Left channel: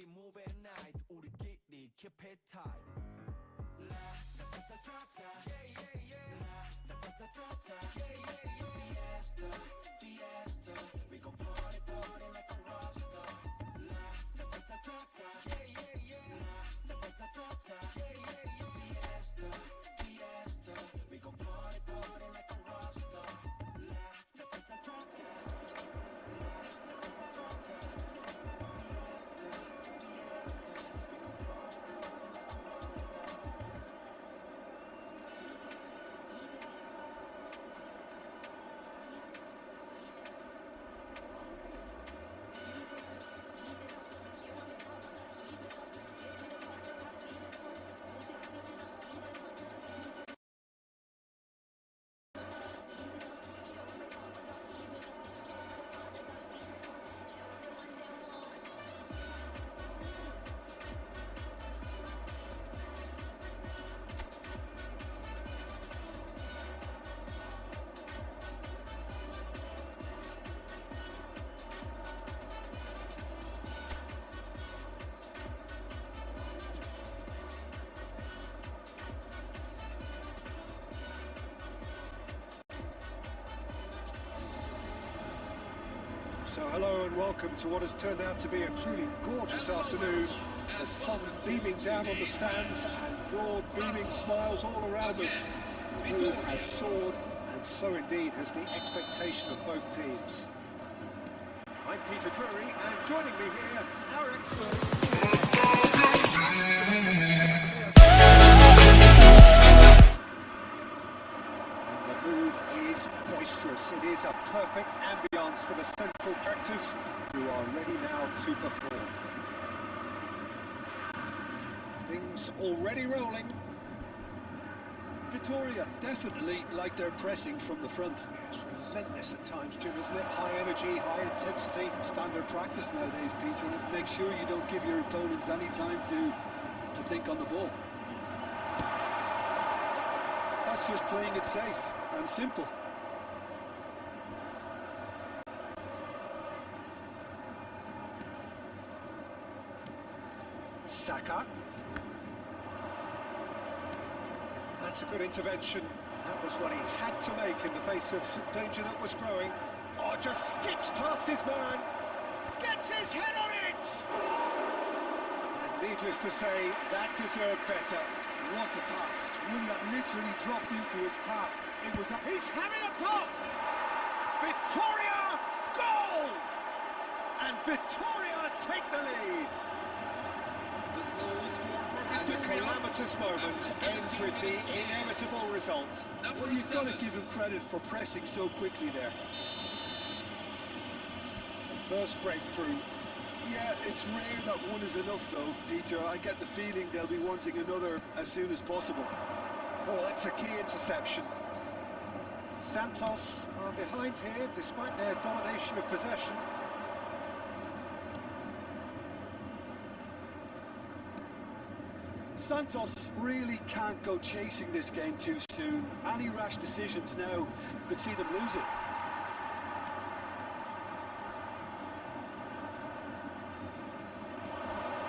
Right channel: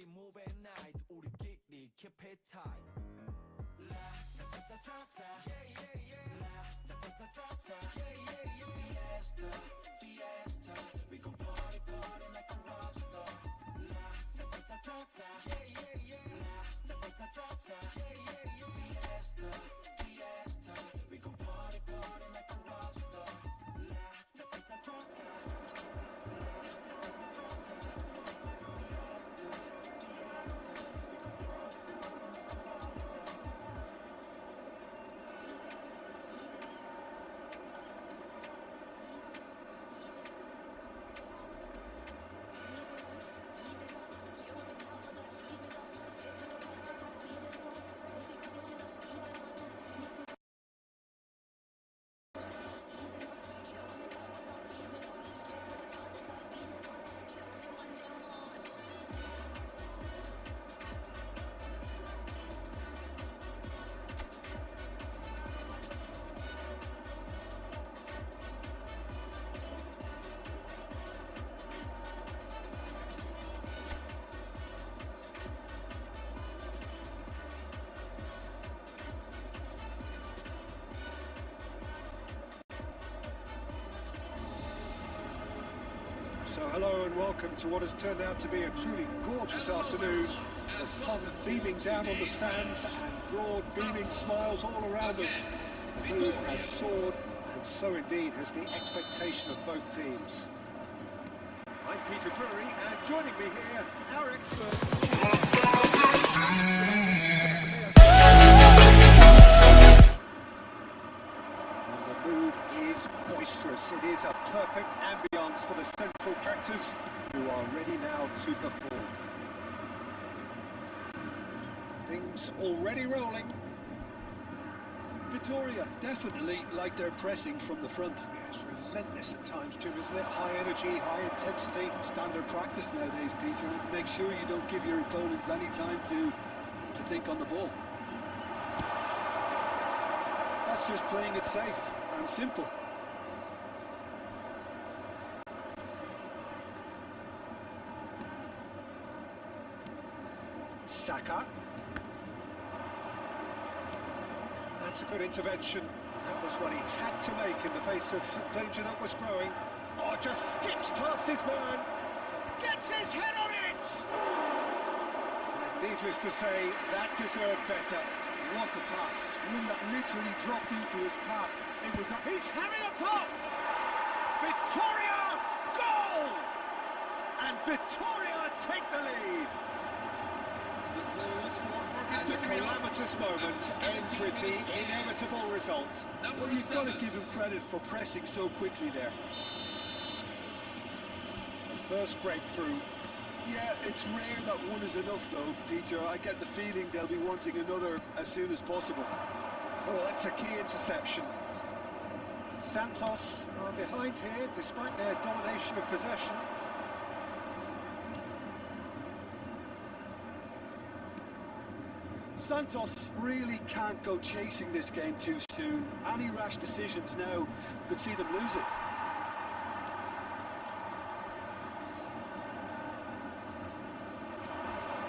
we move at night 우리끼리 keep it tight La-ta-ta-ta-ta-ta Yeah, yeah, yeah La-ta-ta-ta-ta-ta Yeah, yeah, yeah Fiesta, fiesta We gon' party, party like a rock star La-ta-ta-ta-ta-ta Yeah, yeah, yeah La-ta-ta-ta-ta Yeah, yeah, yeah Fiesta, fiesta We gon' party, party like a rock star La-ta-ta-ta-ta So hello and welcome to what has turned out to be a truly gorgeous afternoon. The sun beaming down on the stands and broad beaming smiles all around us. The mood has soared, and so indeed has the expectation of both teams. I'm Peter Drury, and joining me here, our expert. Boisterous. It is a perfect ambience for the central characters who are ready now to perform. Things already rolling. Vitoria definitely like their pressing from the front. Yes, relentless at times, Jim, isn't it? High energy, high intensity. Standard practice nowadays, Peter. Make sure you don't give your opponents any time to think on the ball. That's just playing it safe and simple. Saka. That's a good intervention. That was what he had to make in the face of danger that was growing. Oh, just skips past his man. Gets his head on it! And needless to say, that deserved better. What a pass. One that literally dropped into his path. It was He's having a pop! Vitoria, goal! And Vitoria take the lead. And the calamitous moment ends with the inevitable result. Well, you've got to give him credit for pressing so quickly there. The first breakthrough. Yeah, it's rare that one is enough though, Peter. I get the feeling they'll be wanting another as soon as possible. Oh, that's a key interception. Santos are behind here despite their domination of possession. Santos really can't go chasing this game too soon. Any rash decisions now could see them lose it.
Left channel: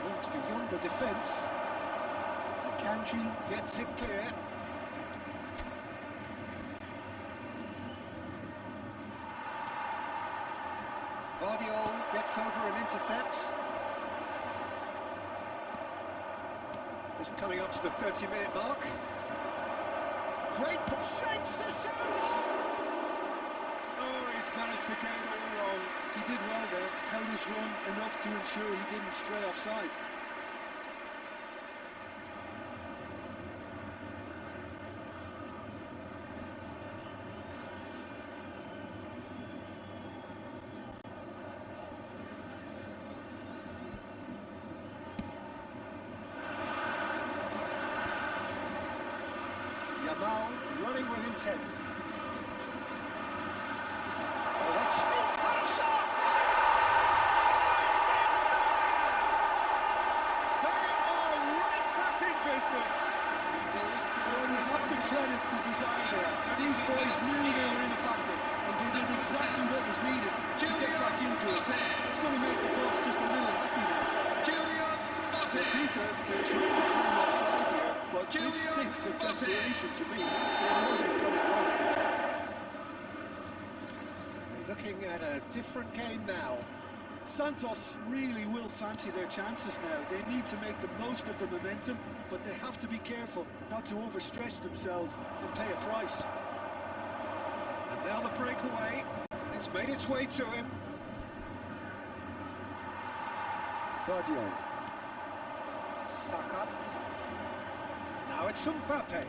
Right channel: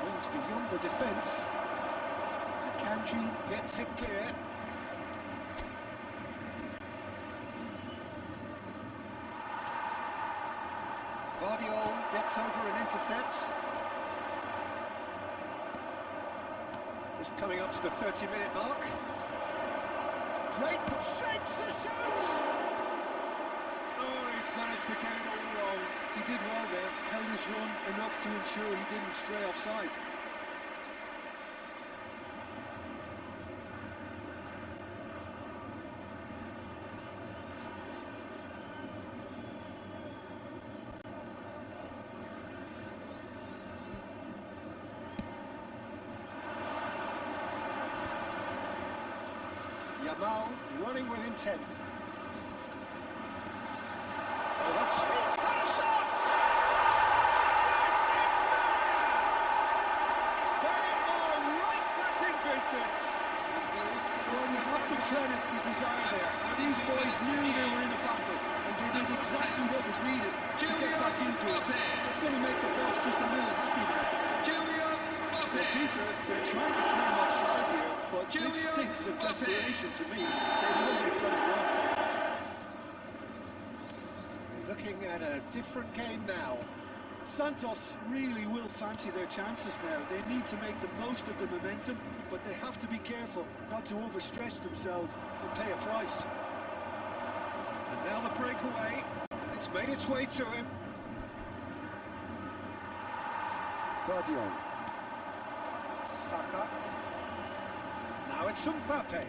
Aims beyond the defence. Akanji gets it clear. Vardiol gets over and intercepts. Just coming up to the 30-minute mark. Great shapes to shoot! Oh, he's managed to get it all wrong. He did well there, held his run enough to ensure he didn't stray offside. Yamal running with intent. Oh, that's... He's had a shot! And yes, it's there! They are right back in business. Well, you have to credit the desire there. These boys knew they were in a battle, and they did exactly what was needed to get back into it. That's going to make the boss just a little happy now. Peter, they're trying to claim offside here, but this stinks of desperation to me. They know they've got it wrong. We're looking at a different game now. Santos really will fancy their chances now. They need to make the most of the momentum, but they have to be careful not to overstretch themselves and pay a price. And now the breakaway, and it's made its way to him. Guardiola. Saka. Now it's Mbappe.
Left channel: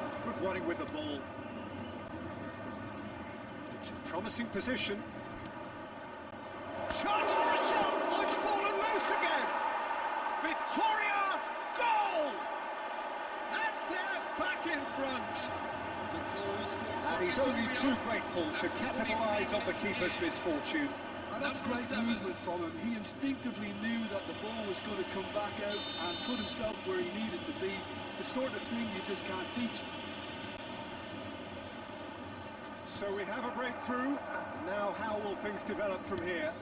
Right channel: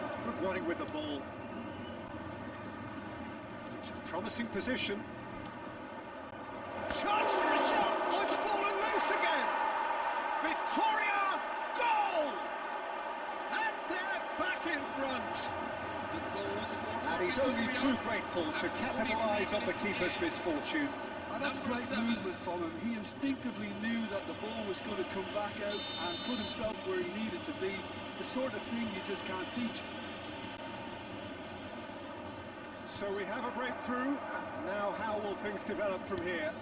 That's good running with the ball. It's a promising position. Chance for a shot! Oh, it's fallen loose again! Victoria! Goal! And they're back in front! And he's only too grateful to capitalise on the keeper's misfortune. And that's great movement from him. He instinctively knew that the ball was going to come back out and put himself where he needed to be. The sort of thing you just can't teach. So we have a breakthrough, and now how will things develop from here?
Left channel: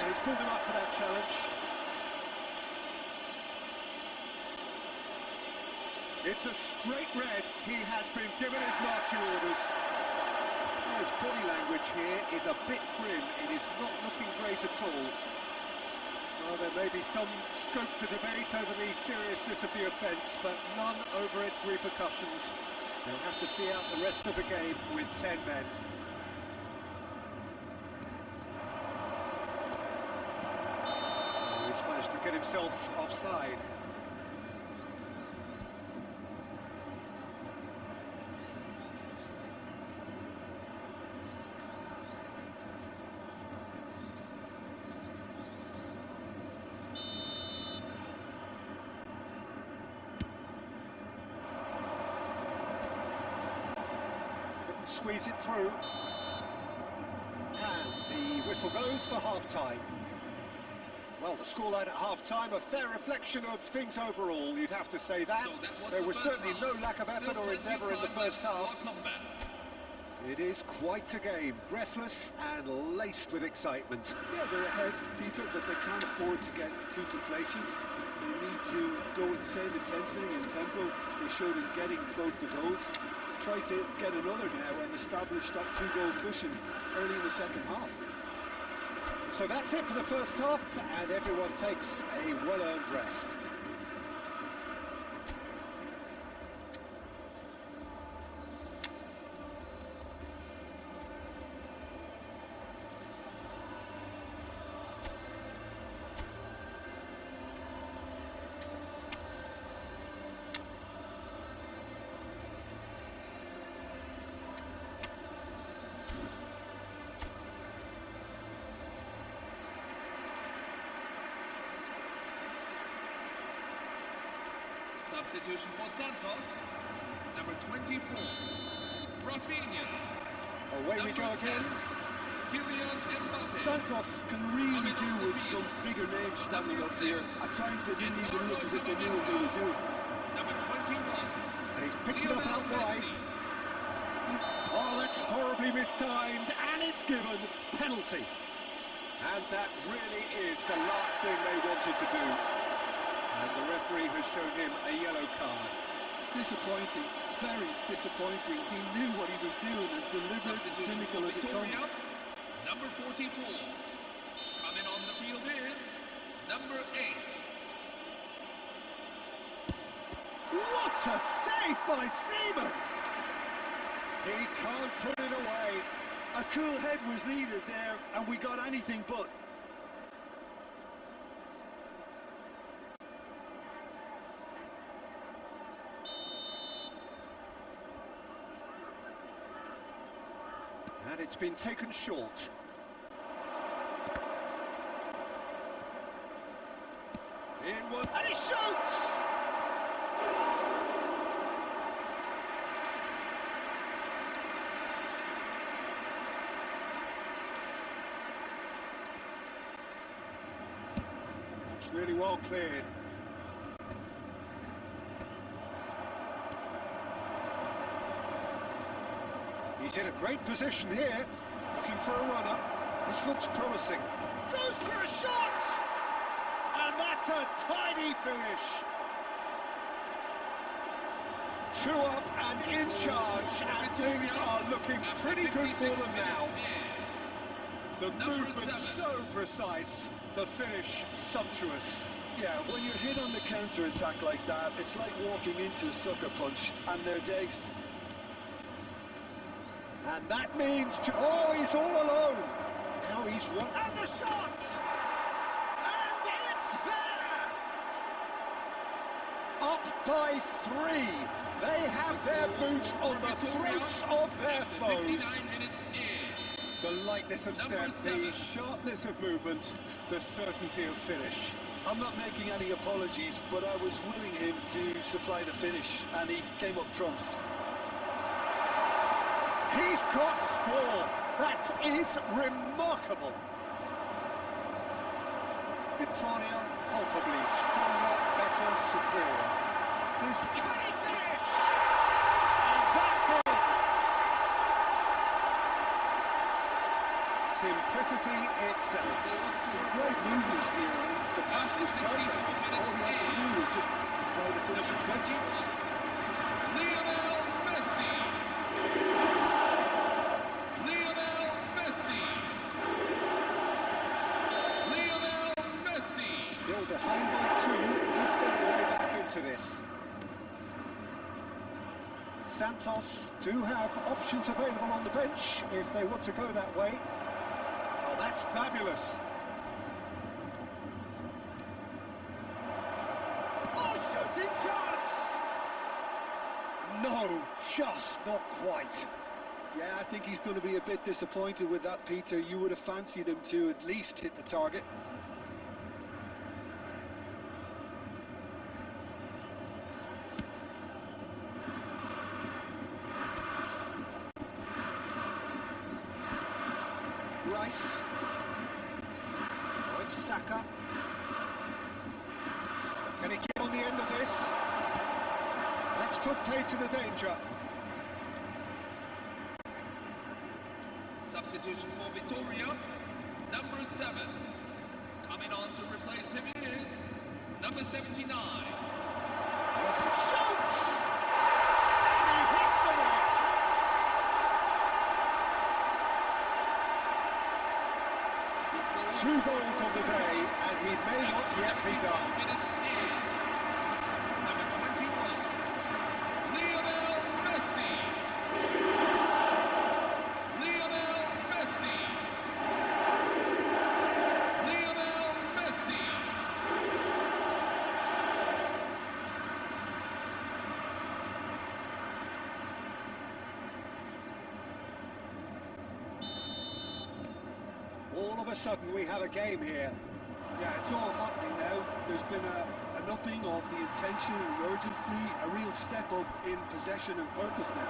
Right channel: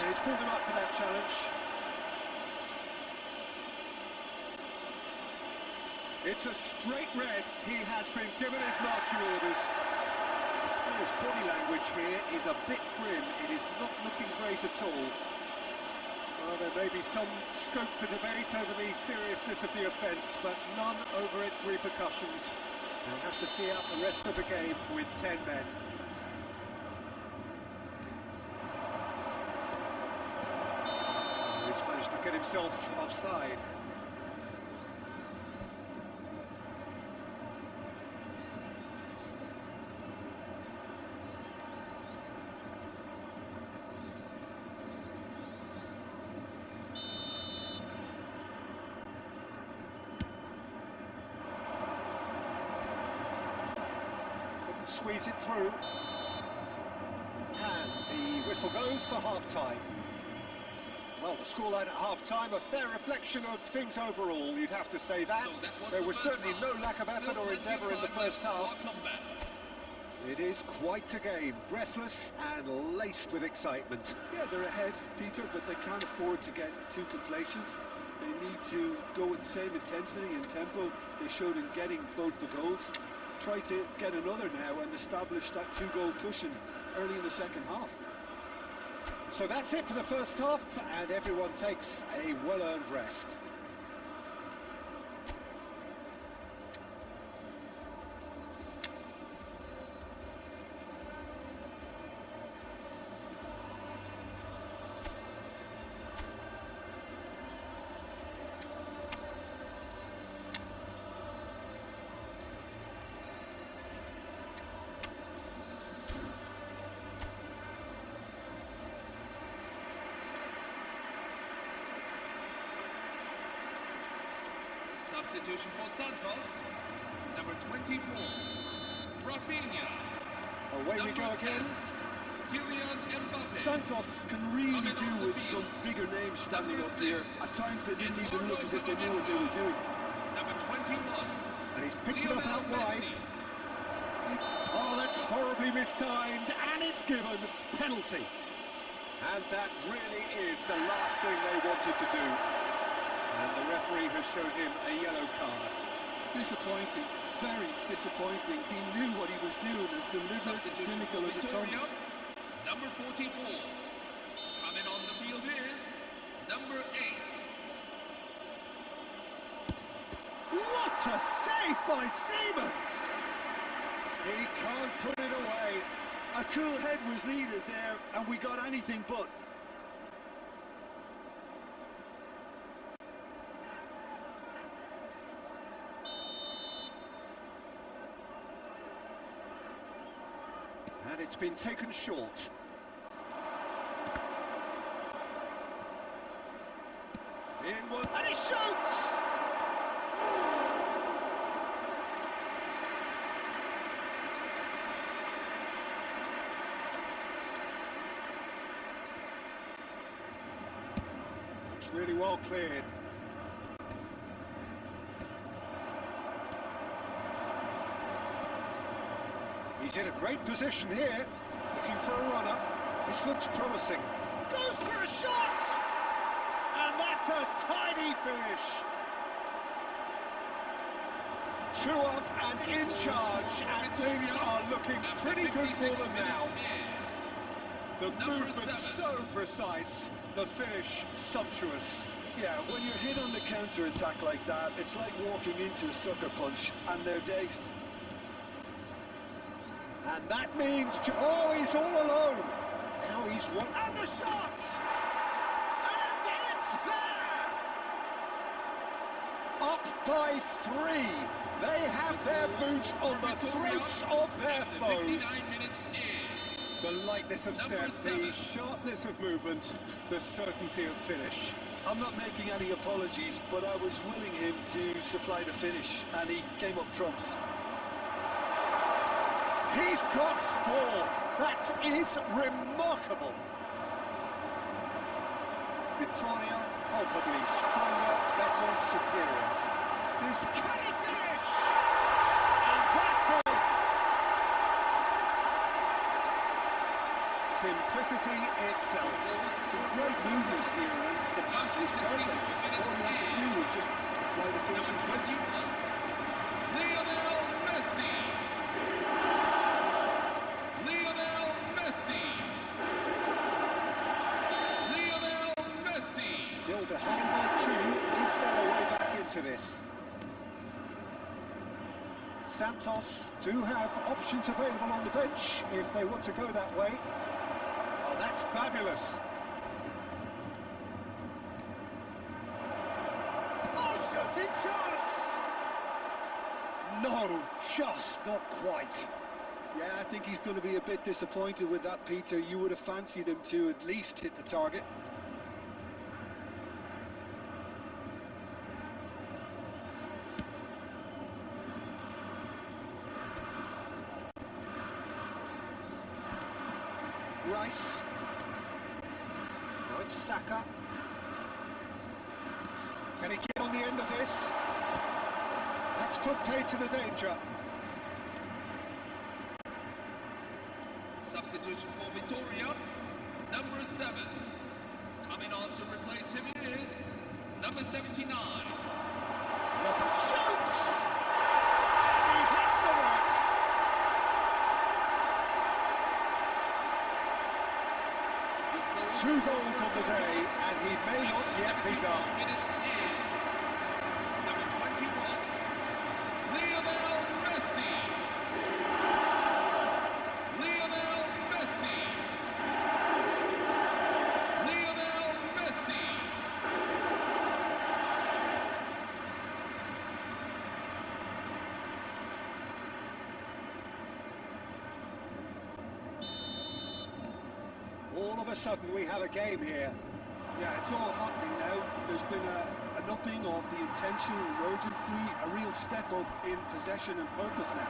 Yeah, he's pulled him up for that challenge. It's a straight red. He has been given his marching orders. The player's body language here is a bit grim. It is not looking great at all. Well, there may be some scope for debate over the seriousness of the offence, but none over its repercussions. They'll have to see out the rest of the game with 10 men. Oh, he's managed to get himself offside. Squeeze it through, and the whistle goes for half-time. Well, the scoreline at half-time, a fair reflection of things overall, you'd have to say that. There was certainly no lack of effort or endeavour in the first half. It is quite a game, breathless and laced with excitement. Yeah, they're ahead, Peter, but they can't afford to get too complacent. They need to go with the same intensity and tempo they showed in getting both the goals. Try to get another now and establish that two-goal cushion early in the second half. So that's it for the first half, and everyone takes a well-earned rest. Substitution for Santos, number 24, Rafinha. Away we go again. Kylian Mbappe. Santos can really do with some bigger names standing up here. At times they didn't even look as if they knew what they were doing. Number 21. And he's picked it up out wide. Oh, that's horribly mistimed, and it's given penalty. And that really is the last thing they wanted to do. And the referee has shown him a yellow card. Disappointing, very disappointing. He knew what he was doing, as deliberate and cynical as it comes. Number 44. Coming on the field is number 8. What a save by Seaman! He can't put it away. A cool head was needed there, and we got anything but. And it's been taken short. In one, and he shoots! That's really well cleared. He's in a great position here, looking for a run-up. This looks promising. Goes for a shot! And that's a tiny finish. 2 up and in charge, and things are looking pretty good for them now. The movement so precise, the finish sumptuous. Yeah, when you're hit on the counter-attack like that, it's like walking into a sucker punch, and they're dazed. And that means... Oh, he's all alone. Now he's run... And the shot! And it's there! Up by 3. They have their boots on the throats of their foes. The lightness of step, the sharpness of movement, the certainty of finish. I'm not making any apologies, but I was willing him to supply the finish, and he came up trumps. He's got 4. That is remarkable. Vittoria, palpably stronger, better, superior. This can he finish? And that's it. Simplicity itself. Some great movement here, and the pass was perfect. All he had to do was just apply the finishing touch. Lionel Messi. Lionel Messi. Lionel Messi. Still behind by 2. Is there a way back into this? Santos do have options available on the bench if they want to go that way. Oh, that's fabulous. Oh, shooting chance! No, just not quite. Yeah, I think he's going to be a bit disappointed with that, Peter. You would have fancied him to at least hit the target. Rice. Now it's Saka. Can he get on the end of this? That's put pay to the danger. Substitution for Vittoria. Number 7. Coming on to replace him is number 79. Shoots! And he hits the net. 2 goals on the day, and he may not yet be done. Number 21, Lionel Messi. Lionel Messi. Lionel Messi. All of a sudden we have a game here. Yeah, it's all happening now. There's been an upping of the intention and urgency, a real step up in possession and purpose now.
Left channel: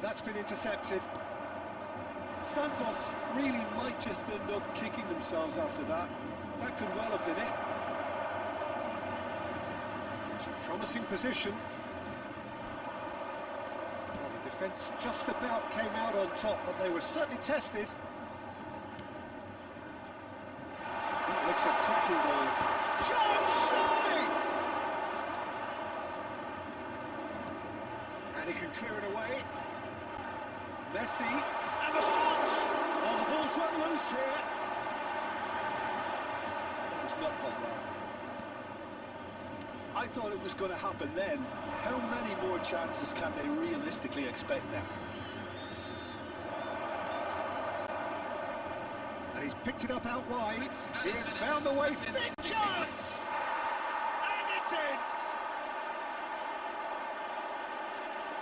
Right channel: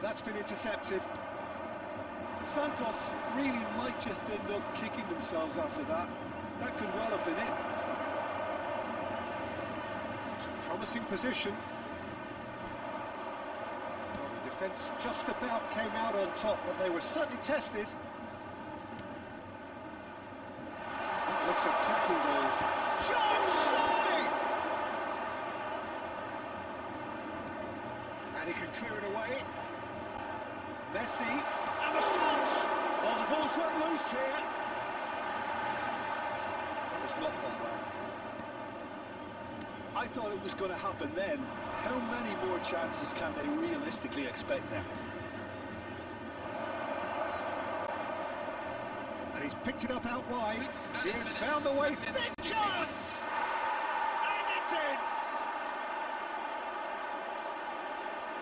That's been intercepted. Santos really might just end up kicking themselves after that. That could well have been it. It's a promising position. Well, the defence just about came out on top, but they were certainly tested. That looks a cracking goal. Shot, surely! And he can clear it away. Messi, and the shot! Oh, the ball's run loose here. That was not gone well. I thought it was going to happen then. How many more chances can they realistically expect now? And he's picked it up out wide. He has found the way. Big chance! And it's in!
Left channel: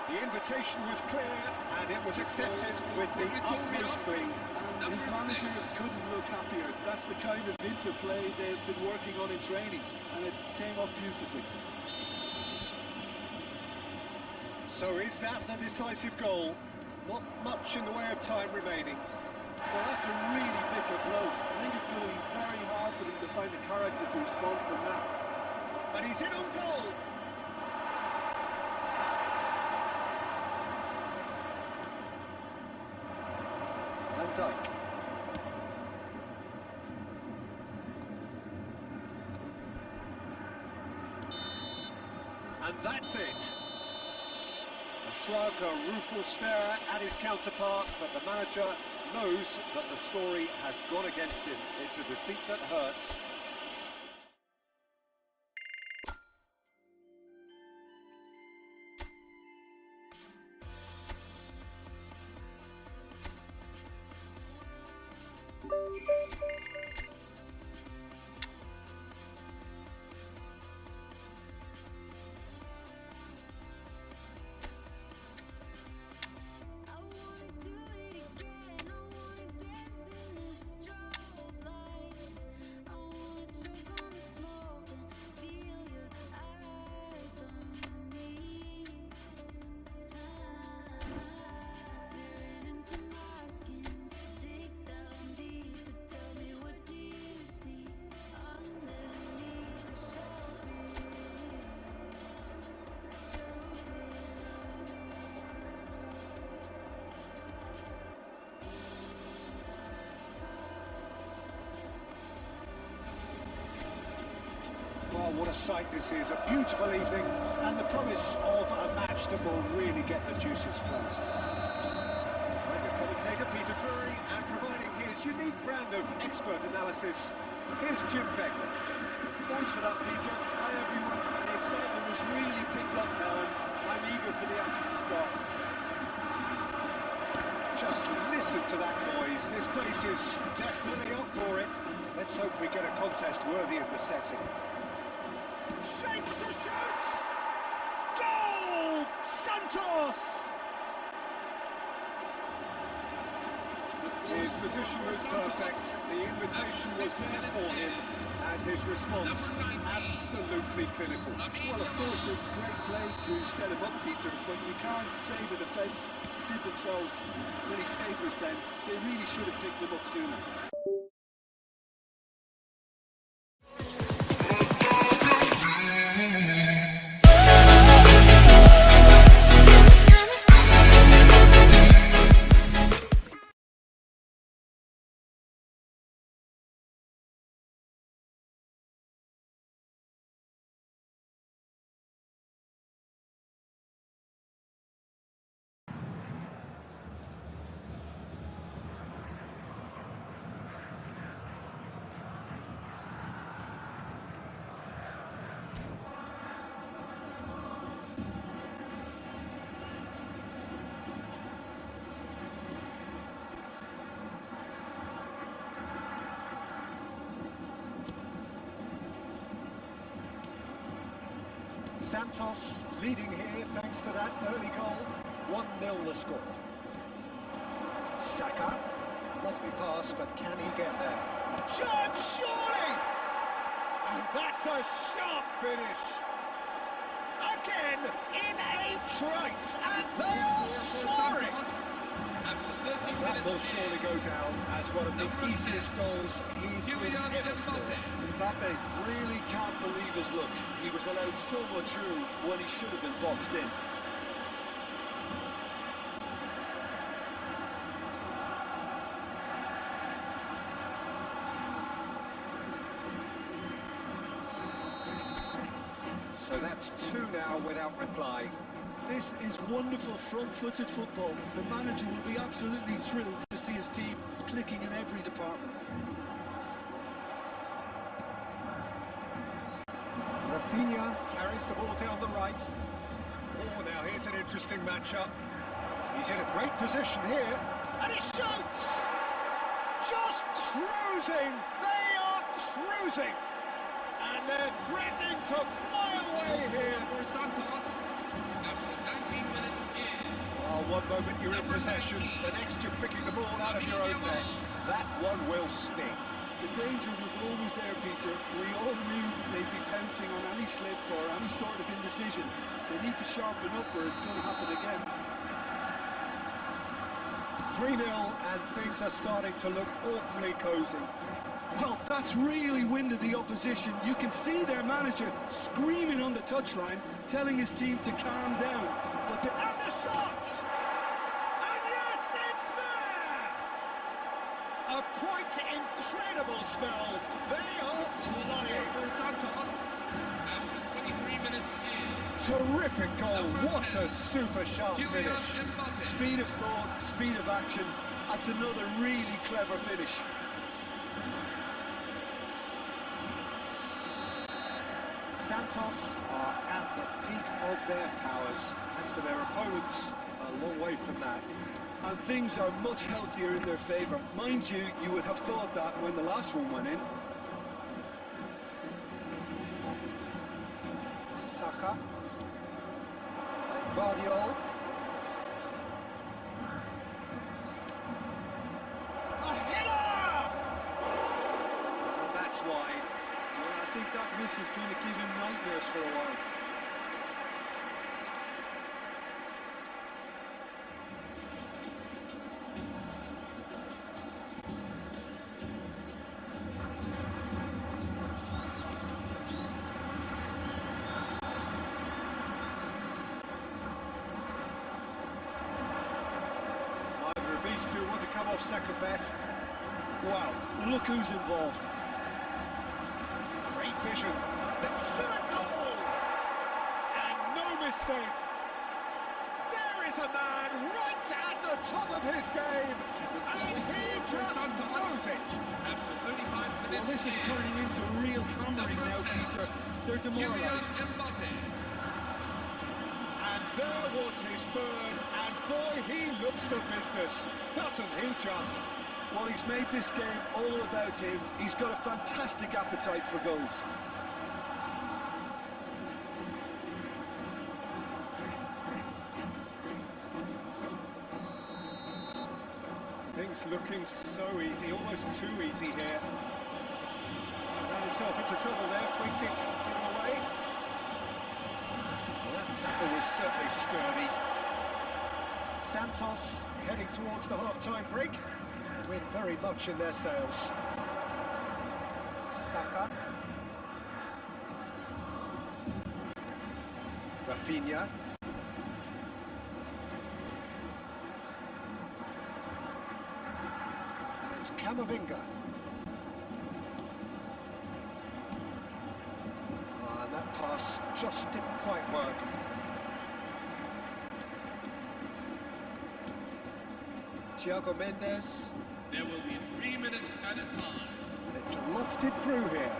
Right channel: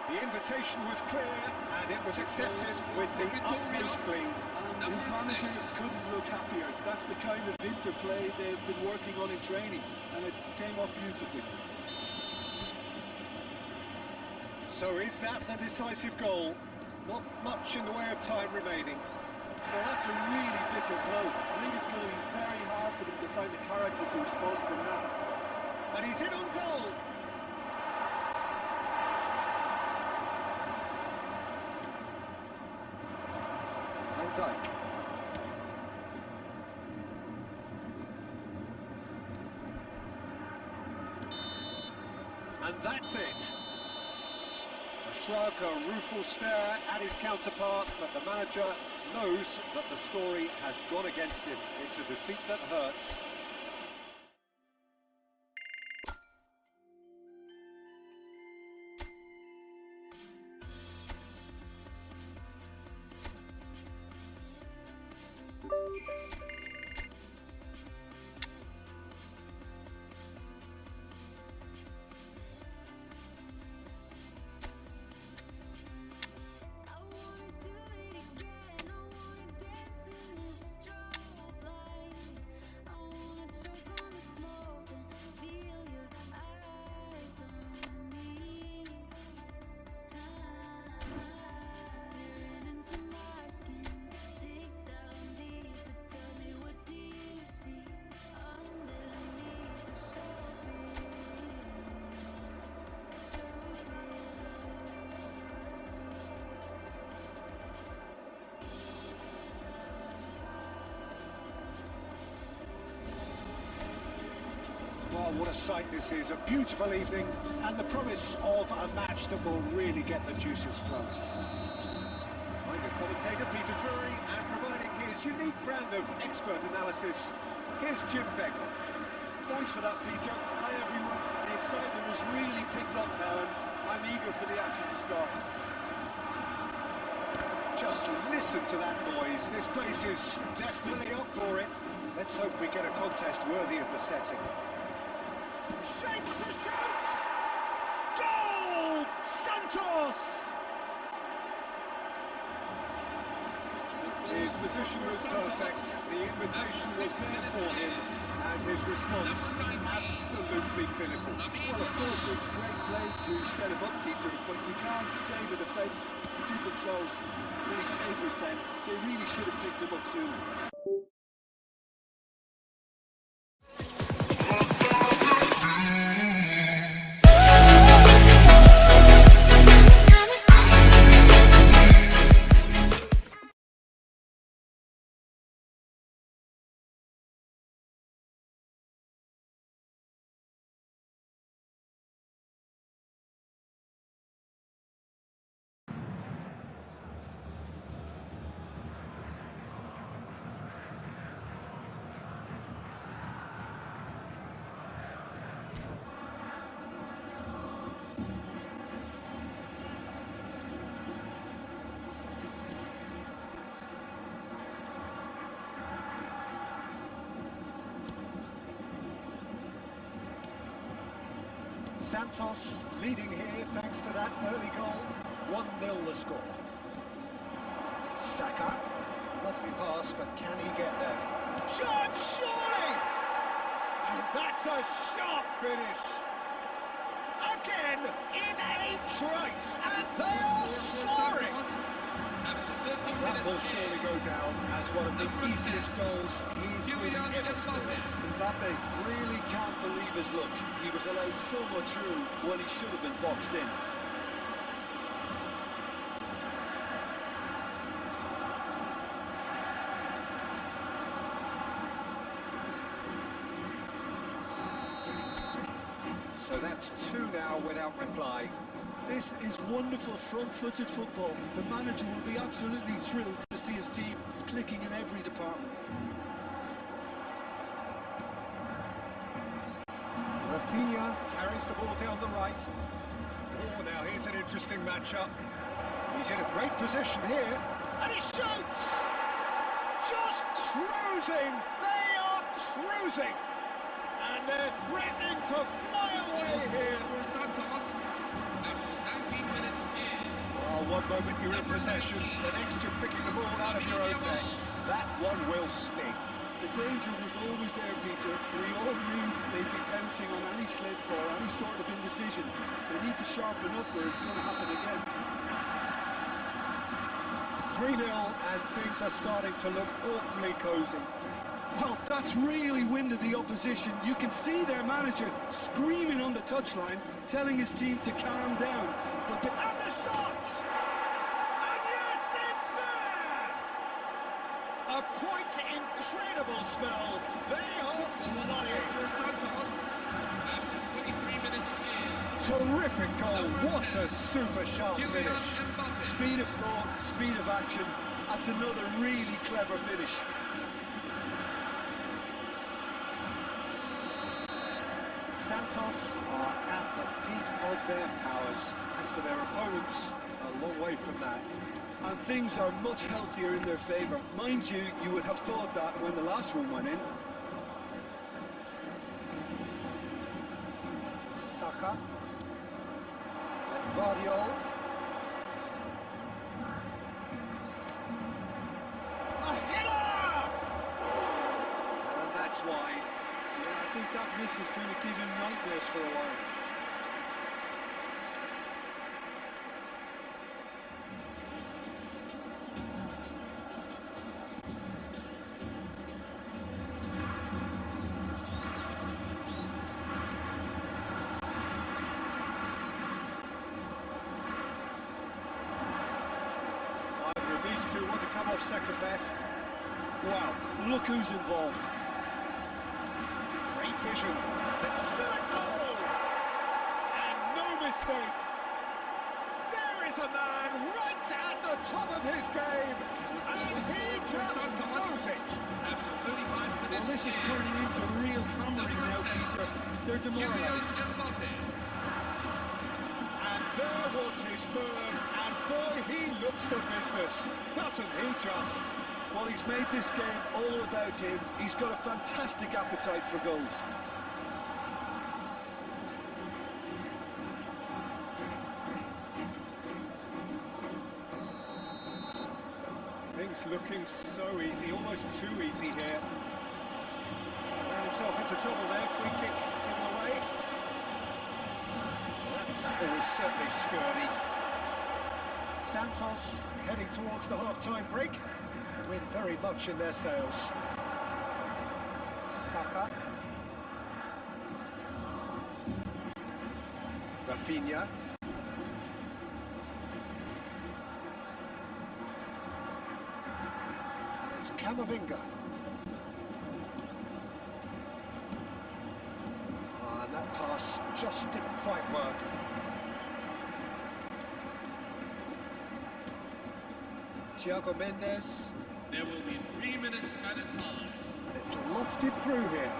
The invitation was clear, and it was accepted with the utmost glee. And his manager couldn't look happier. That's the kind of interplay they've been working on in training, and it came off beautifully. So is that the decisive goal? Not much in the way of time remaining. Well, that's a really bitter blow. I think it's going to be very hard for them to find the character to respond from that. And he's in on goal. Dijk. And that's it. A shrug, a rueful stare at his counterpart, but the manager knows that the story has gone against him. It's a defeat that hurts. Well, what a sight this is, a beautiful evening, and the promise of a match that will really get the juices flowing. Joined the commentator Peter Drury, and providing his unique brand of expert analysis, here's Jim Beglin. Thanks for that, Peter. Hi, everyone. The excitement has really picked up now, and I'm eager for the action to start. Just listen to that noise. This place is definitely up for it. Let's hope we get a contest worthy of the setting. Shapes to shoot! Goal! Santos! His position was perfect, the invitation was there for him, and his response absolutely clinical. Well, of course, it's great play to set him up, Peter, but you can't say the defence did themselves many favours then. They really should have picked him up sooner. Santos leading here thanks to that early goal. 1-0 the score. Saka, lovely pass, but can he get there? Shot, surely! And that's a sharp finish. Again, in a trice, and they are soaring! That will surely go down as one of the easiest goals he could ever score. Mbappe really can't believe his luck. He was allowed so much room when he should have been boxed in. So that's 2 now without reply. This is wonderful front-footed football. The manager will be absolutely thrilled to see his team clicking in every department. Rafinha carries the ball down the right. Oh, now here's an interesting matchup. He's in a great position here, and he shoots! Just cruising! They are cruising! And they're threatening to fly away here. For Santos, after 19 minutes is... Well, one moment you're in possession, the next you're picking the ball out of your own net. That one will sting. The danger was always there, Peter. We all knew they'd be pouncing on any slip or any sort of indecision. They need to sharpen up or it's going to happen again. 3-0 and things are starting to look awfully cosy. Well, that's really winded the opposition. You can see their manager screaming on the touchline, telling his team to calm down. But And the shot! And yes, it's there! A quite incredible spell. They are flying. For Santos after 23 minutes in. Terrific goal. What a super sharp finish. Speed of thought, speed of action. That's another really clever finish. Santos are at the peak of their powers. As for their opponents, a long way from that. And things are much healthier in their favour. Mind you, you would have thought that when the last one went in. Saka. And Vardiol. A header! And that's wide. Yeah, I think that miss is going to give him nightmares for a while. Either of these two want to come off second best. Wow, look who's involved. Great vision. It's a goal! And no mistake. There is a man right at the top of his game, and he just knows it. After 35 minutes. Well, this is turning into real hammering now, Peter. They're demoralised. And there was his third, and boy, he looks the business, doesn't he just? Well, he's made this game all about him. He's got a fantastic appetite for goals. Things looking so easy, almost too easy here. Ran himself into trouble there, free kick given away. Well, that tackle was certainly sturdy. Santos heading towards the half-time break. Wind very much in their sails. Saka. Rafinha. And it's Camavinga. And that pass just didn't quite work. Thiago Mendes. There will be 3 minutes at a time. And it's lofted through here.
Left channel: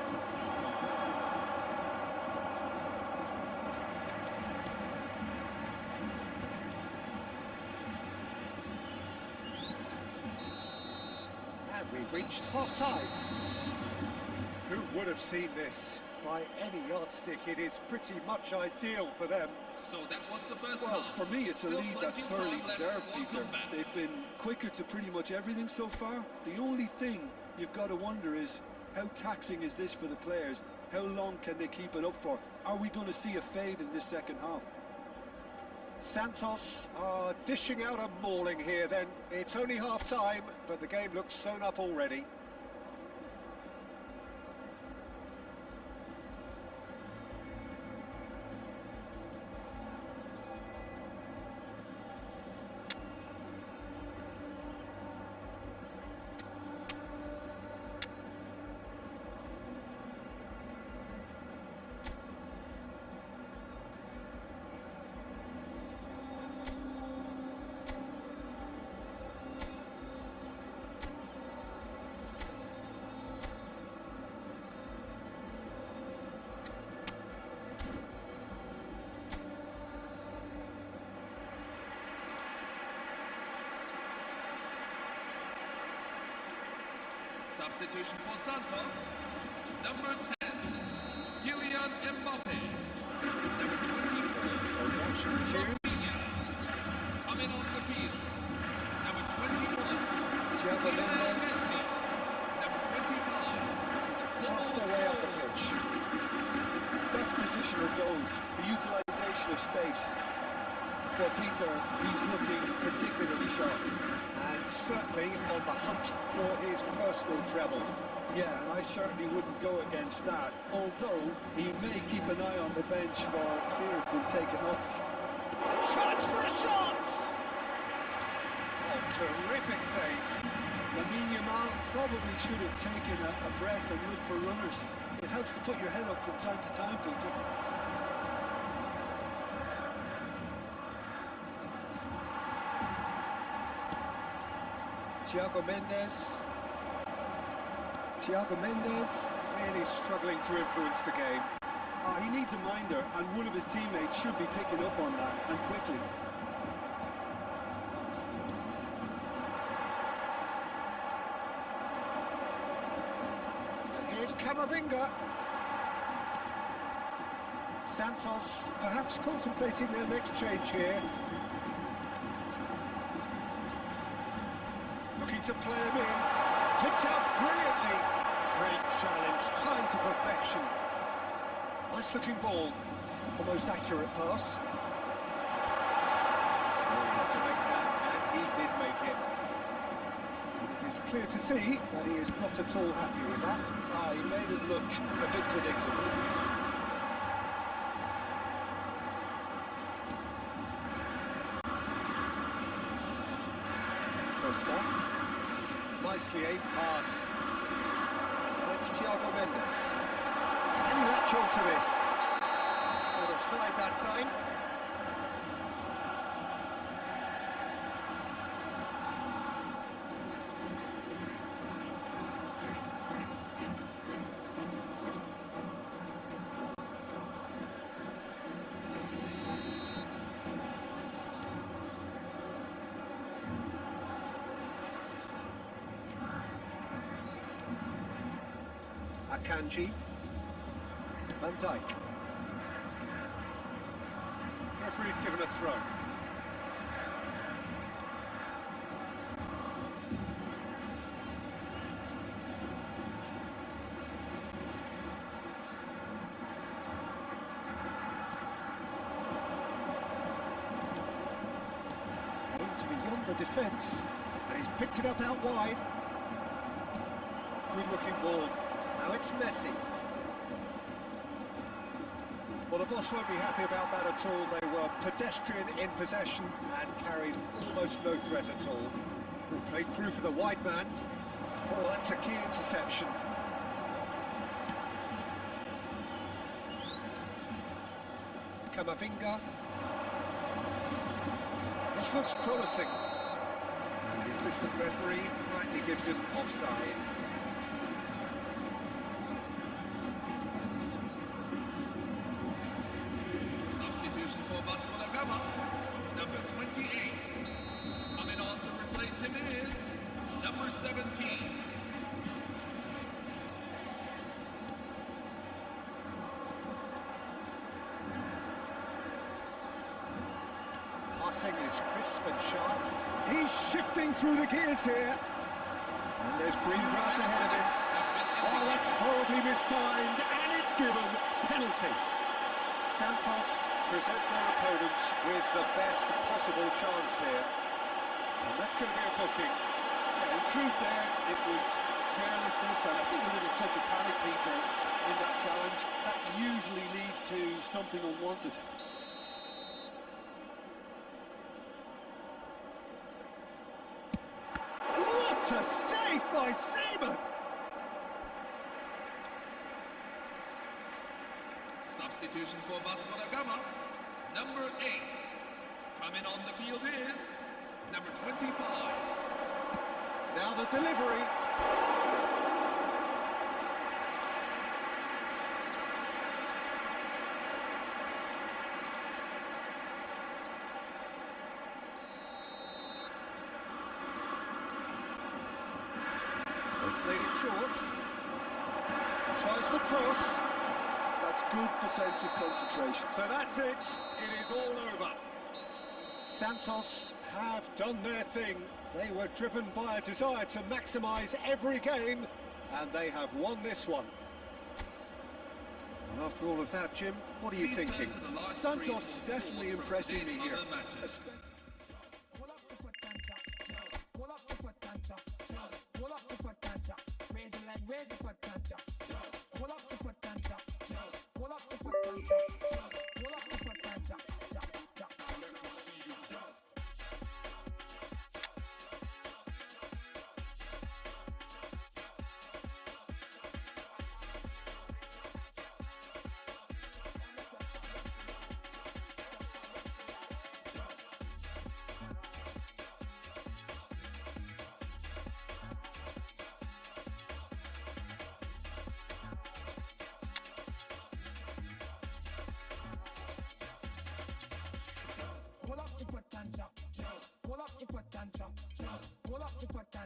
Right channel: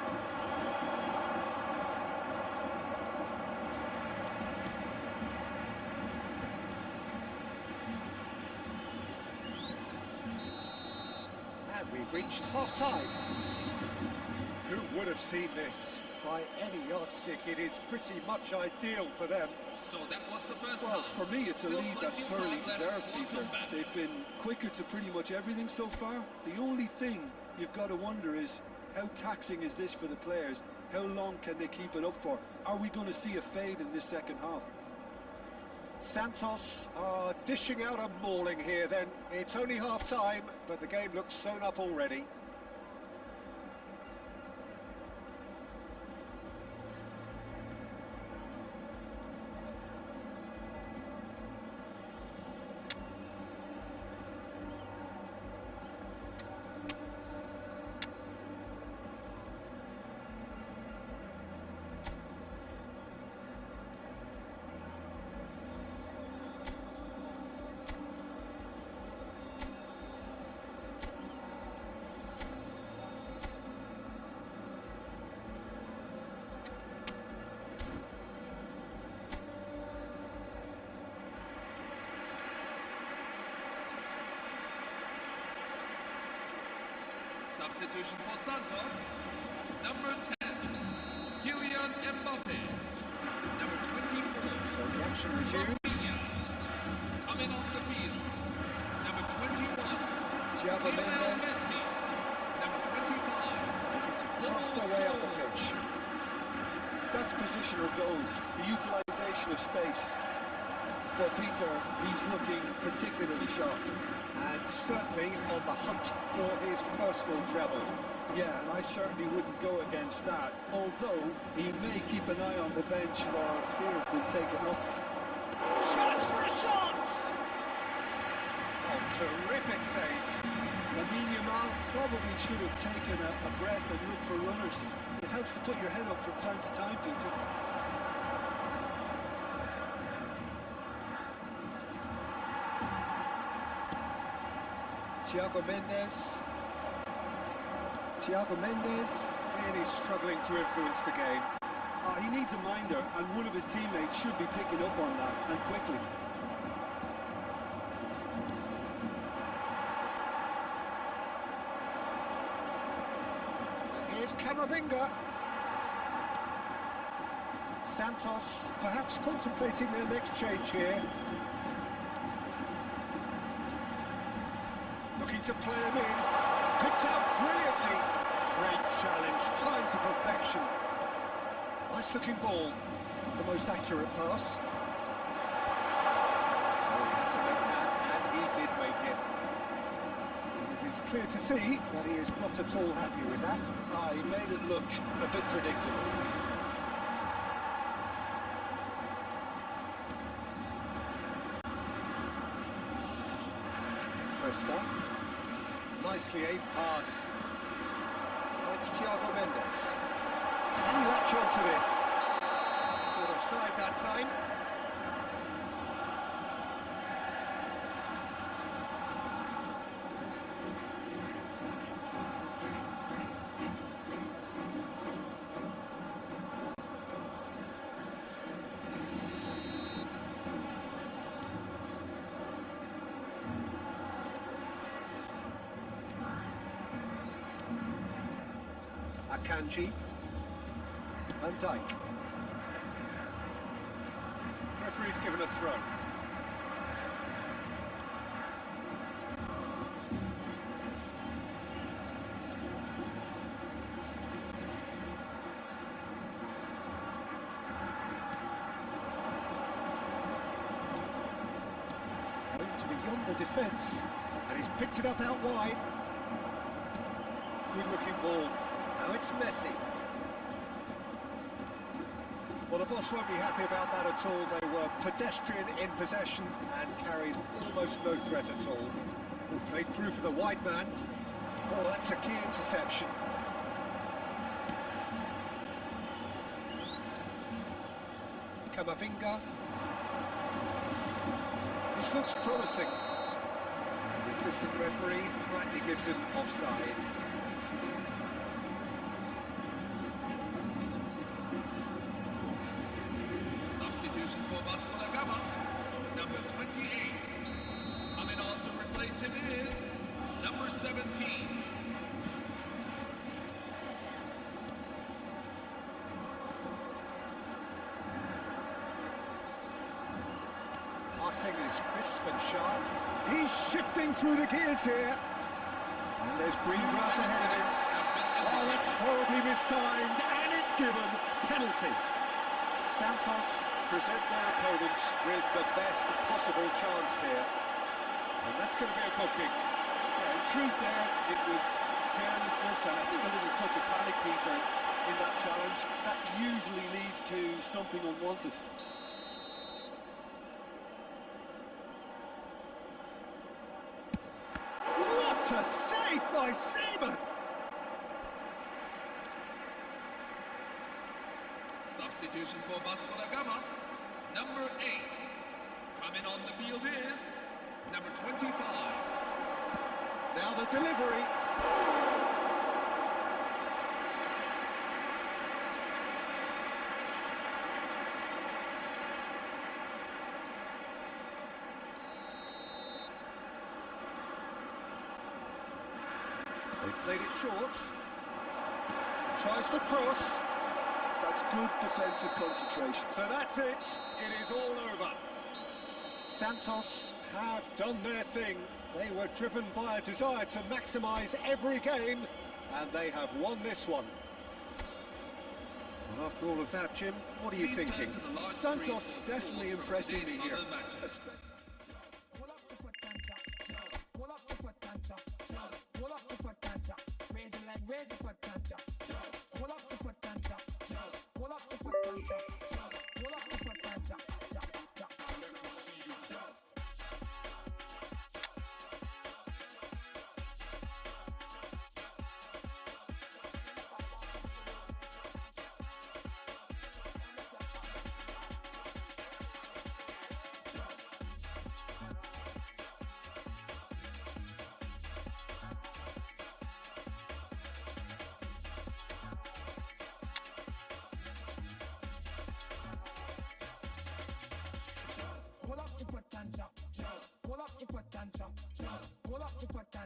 And we've reached half-time. Who would have seen this? By any yardstick, it is pretty much ideal for them. So that was the first Well, half. for me, it's a Still lead that's plenty of thoroughly time left deserved, for Peter. comeback. They've been quicker to pretty much everything so far. The only thing you've got to wonder is, how taxing is this for the players? How long can they keep it up for? Are we going to see a fade in this second half? Santos are dishing out a mauling here then. It's only half-time, but the game looks sewn up already. Substitution for Santos. Number 10, Kylian Mbappe. Number 24, So the action resumes. Rafinha. Coming on the field. Number 21, Thiago Lionel Mendes Messi. Number 25, looking to cast their way up the pitch. That's positional goals, the utilisation of space. Well, Peter, he's looking particularly sharp. And certainly on the hunt for his personal treble. Yeah, and I certainly wouldn't go against that, although he may keep an eye on the bench for fear of being taken off. Chance for a shot! Oh, terrific save. Lamine Yamal probably should have taken a breath and looked for runners. It helps to put your head up from time to time, Peter. Thiago Mendes really struggling to influence the game. He needs a minder, and one of his teammates should be picking up on that, and quickly. And here's Camavinga. Santos perhaps contemplating their next change here. Looking to play him in. Picked out brilliantly. Great challenge, time to perfection. Nice looking ball. The most accurate pass. Oh, he had to make that, and he did make it. And it is clear to see that he is not at all happy with that. He made it look a bit predictable. Costa. Nicely aimed pass. It's Thiago Mendes. Can he latch on to this? Not offside that time. Akanji, Van Dijk. Referee's given a throw. Aimed beyond the defence, and he's picked it up out wide. Good looking ball. Now it's Messi. Well, the boss won't be happy about that at all. They were pedestrian in possession and carried almost no threat at all. Played through for the wide man. Oh, that's a key interception. Camavinga. This looks promising. And the assistant referee rightly gives him offside. For Vasco da Gama, number 28. Coming on to replace him is number 17. Passing is crisp and sharp. He's shifting through the gears here. And there's green grass ahead of him. Oh, that's horribly mistimed, and it's given. Penalty. Santos present their opponents with the best possible chance here. And that's going to be a booking. Yeah, in truth there, it was carelessness and I think a little touch of panic, Peter, in that challenge. That usually leads to something unwanted. What a save by Seaman! Substitution for Vasco da Gama, number 8. Coming on the field is number 25. Now the delivery. They've played it short. Tries the cross. That's good defensive concentration. So that's it. It is all over. Santos have done their thing. They were driven by a desire to maximise every game, and they have won this one. And after all of that, Jim, what are you thinking? Santos definitely impressing me here.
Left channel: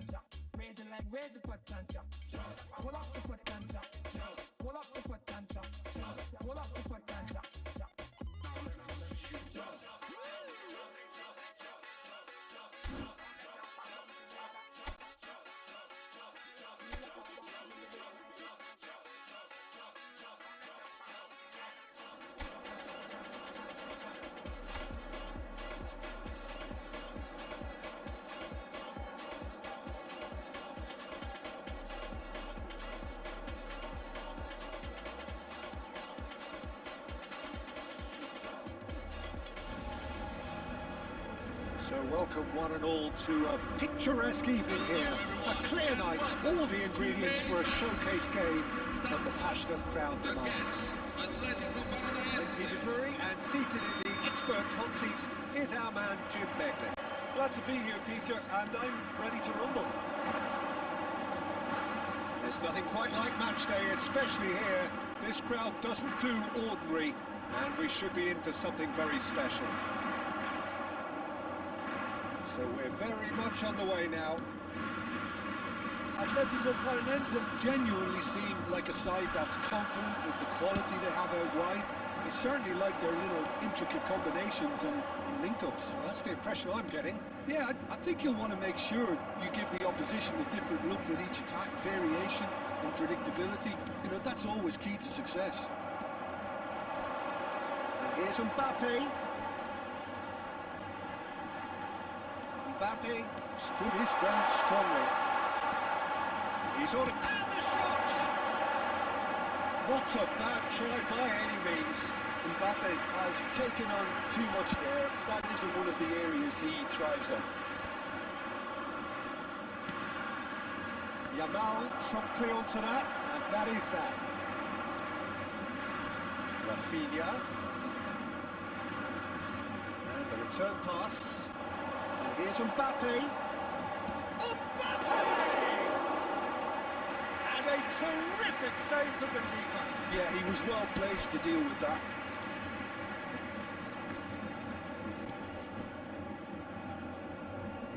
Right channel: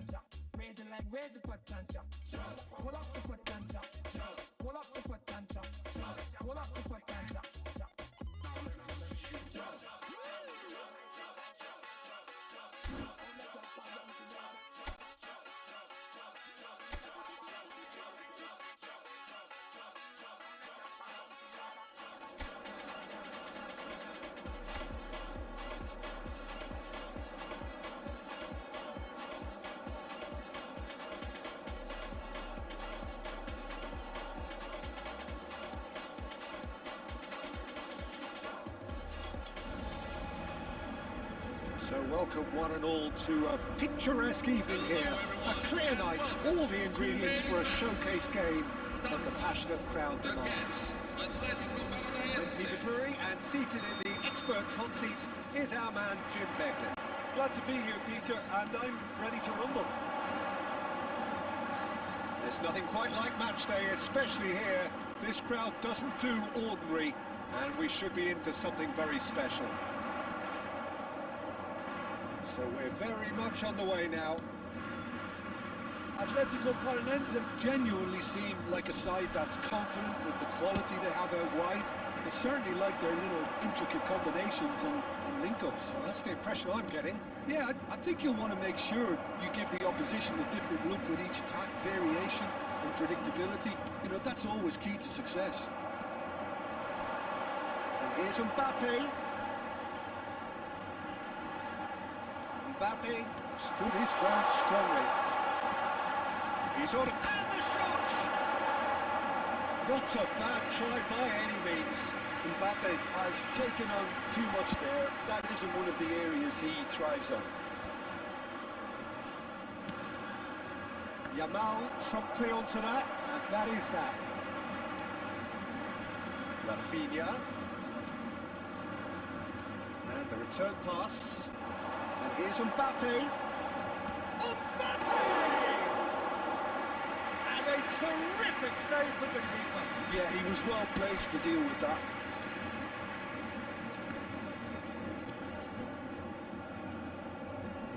and chop. Raise the leg, raise the foot and chop. Pull up the foot and chop. Pull up the foot and chop. Pull up the foot and chop. So welcome one and all to a picturesque evening here, a clear night, all the ingredients for a showcase game that the passionate crowd demands. I'm Peter Drury, and seated in the experts' hot seat is our man Jim Beglin. Glad to be here, Peter, and I'm ready to rumble. There's nothing quite like match day, especially here. This crowd doesn't do ordinary, and we should be in for something very special. So we're very much on the way now. Atletico Paranense genuinely seem like a side that's confident with the quality they have out wide. They certainly like their little intricate combinations and link-ups. Well, that's the impression I'm getting. Yeah, I think you'll want to make sure you give the opposition a different look with each attack, variation and predictability. You know, that's always key to success. And here's Mbappe. Mbappe stood his ground strongly. He's on it, and the shot! Not a bad try by any means. Mbappe has taken on too much there. That isn't one of the areas he thrives on. Yamal promptly onto that, and that is that. Rafinha. And the return pass. And here's Mbappe. Mbappe! And a terrific save from the keeper. Yeah, he was well placed to deal with that.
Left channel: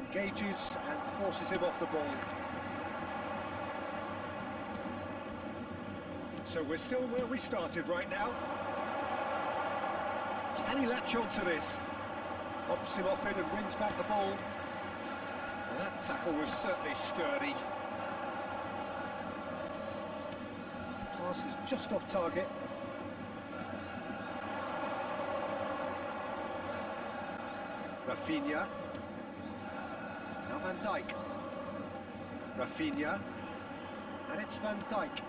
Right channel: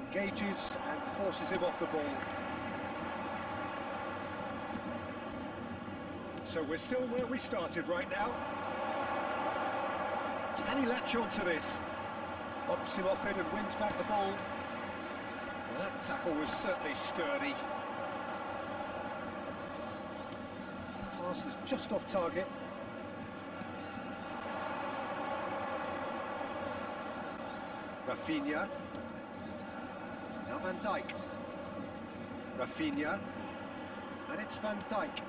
Engages and forces him off the ball. So we're still where we started right now. Can he latch on to this? Bumps him off it and wins back the ball. Well, that tackle was certainly sturdy. Pass is just off target. Rafinha. Now Van Dijk. Rafinha. And it's Van Dijk.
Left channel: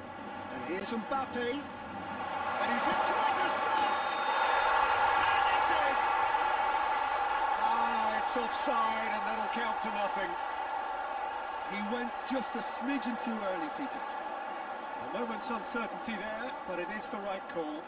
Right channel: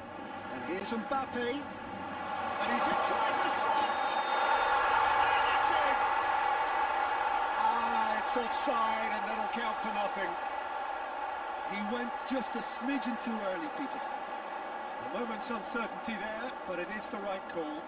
And here's Mbappe. And he's in, tries a shot! And it's in! Ah, it's offside, and that'll count for nothing. He went just a smidgen too early, Peter. A moment's uncertainty there, but it is the right call.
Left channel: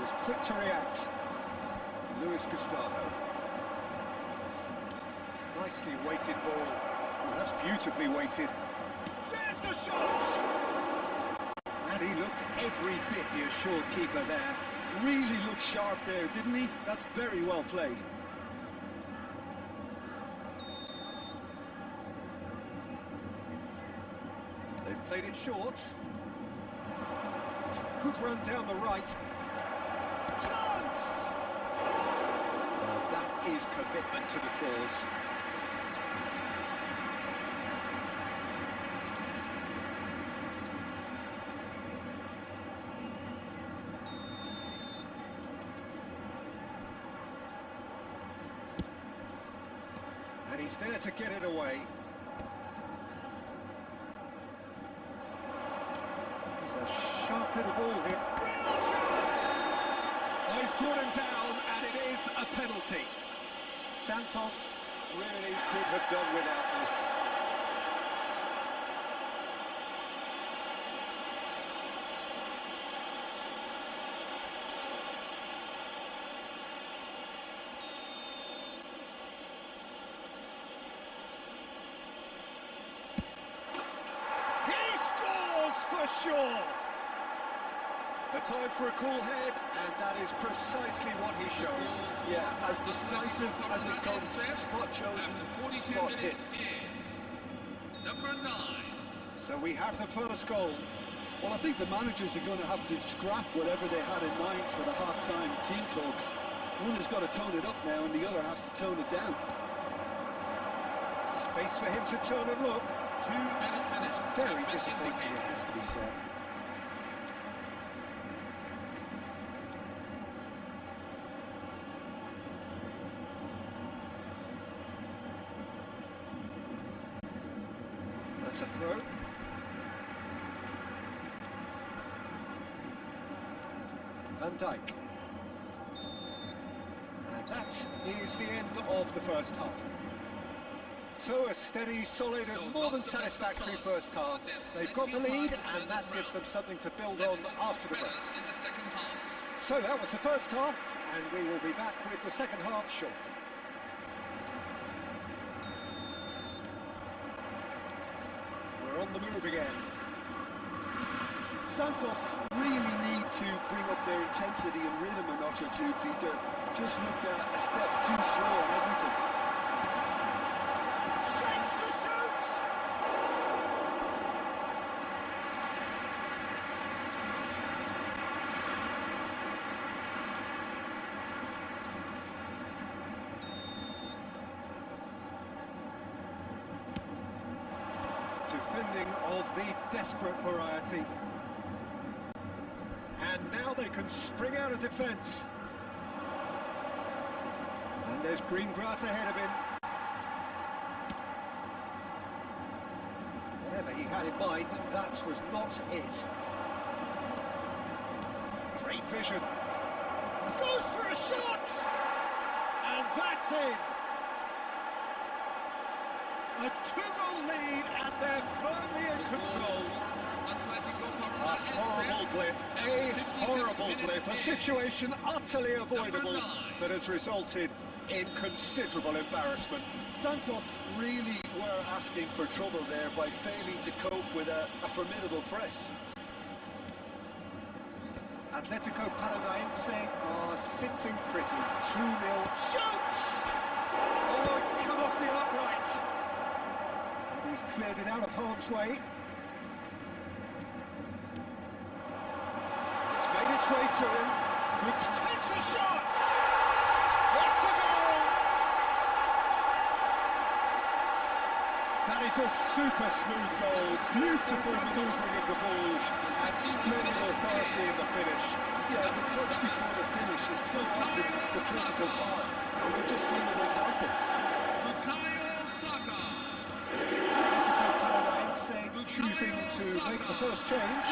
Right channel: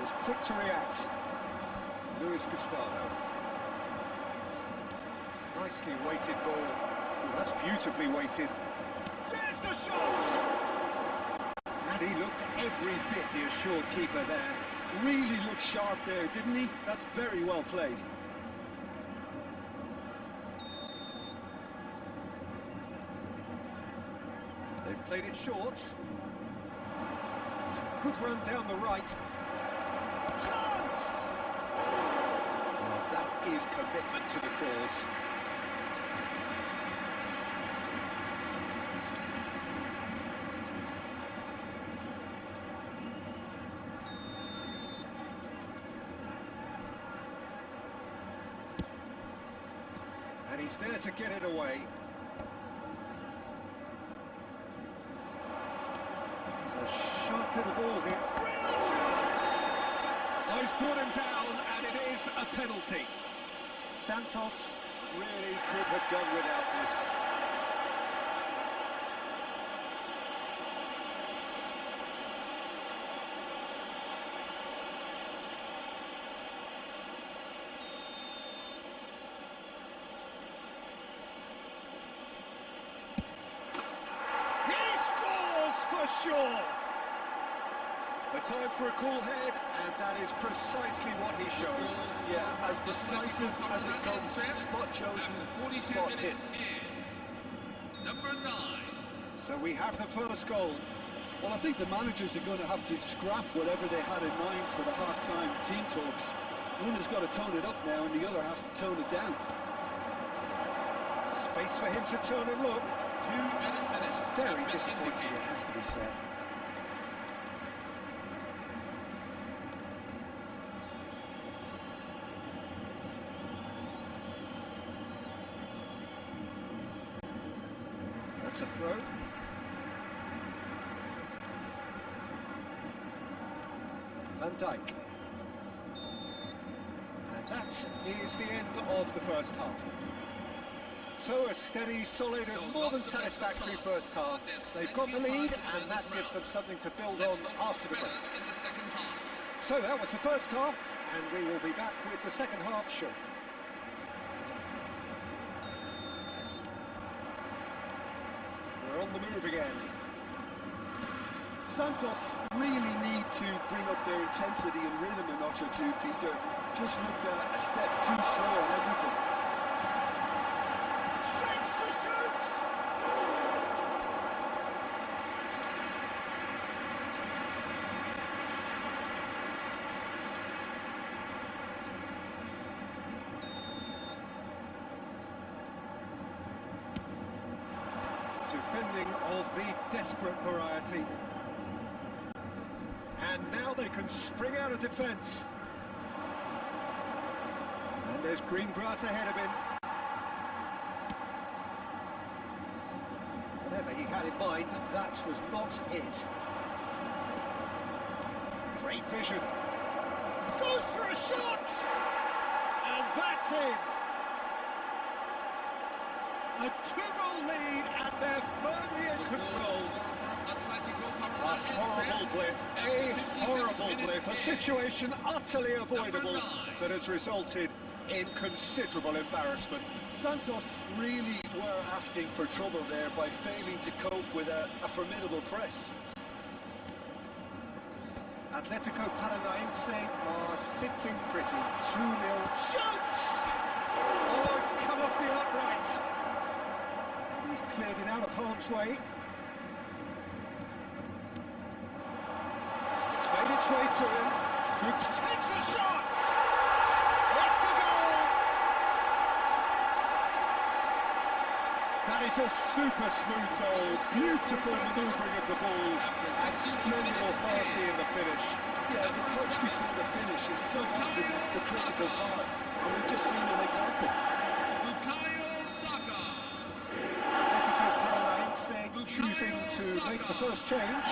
Was quick to react. Luis Gustavo. Nicely weighted ball. Oh, that's beautifully weighted. There's the shot! And he looked every bit the assured keeper there. Really looked sharp there, didn't he? That's very well played. They've played it short. It's a good run down the right. Chance! Now that is commitment to the cause. And he's there to get it away. He's a sharp little ball here. Real chance! Oh, he's brought him down, and it is a penalty. Santos really could have done without this. sure. The time for a cool head, and that is precisely what he showed. Yeah, as decisive as it comes. Spot chosen, spot hit. Number 9. So we have the first goal. Well, I think the managers are going to have to scrap whatever they had in mind for the half-time team talks. One has got to tone it up now, and the other has to tone it down. Space for him to turn and look. 2 added minutes. Very disappointing, it has to be said. That's a throw. Van Dijk. And that is the end of the first half. So a steady, solid and more than satisfactory first half. They've got the lead and that gives them something to build on after the break. So that was the first half and we will be back with the second half shortly. We're on the move again. Santos really need to bring up their intensity and rhythm a notch or two, Peter. Just looked a step too slow on everything. Shapes to shoot! Defending of the desperate variety. And now they can spring out of defence. And there's green grass ahead of him. Whatever he had in mind, that was not it. Great vision. Goes for a shot! And that's in! A 2-goal lead and they're firmly in control. A horrible blip, a situation utterly avoidable that has resulted in considerable embarrassment. Santos really were asking for trouble there by failing to cope with a formidable press. Atletico Paranaense are sitting pretty. 2-0. Shoots! Oh, it's come off the upright. And he's cleared it out of harm's way. It's made its way to him. Goops takes a shot! It's a goal! That is a super smooth goal. Beautiful manoeuvring of the ball and splendid authority in the finish. Yeah, the touch before the finish is so often the critical part, and we've just seen an example. Bukayo Saka. Atletico Paranaense choosing to make the first change.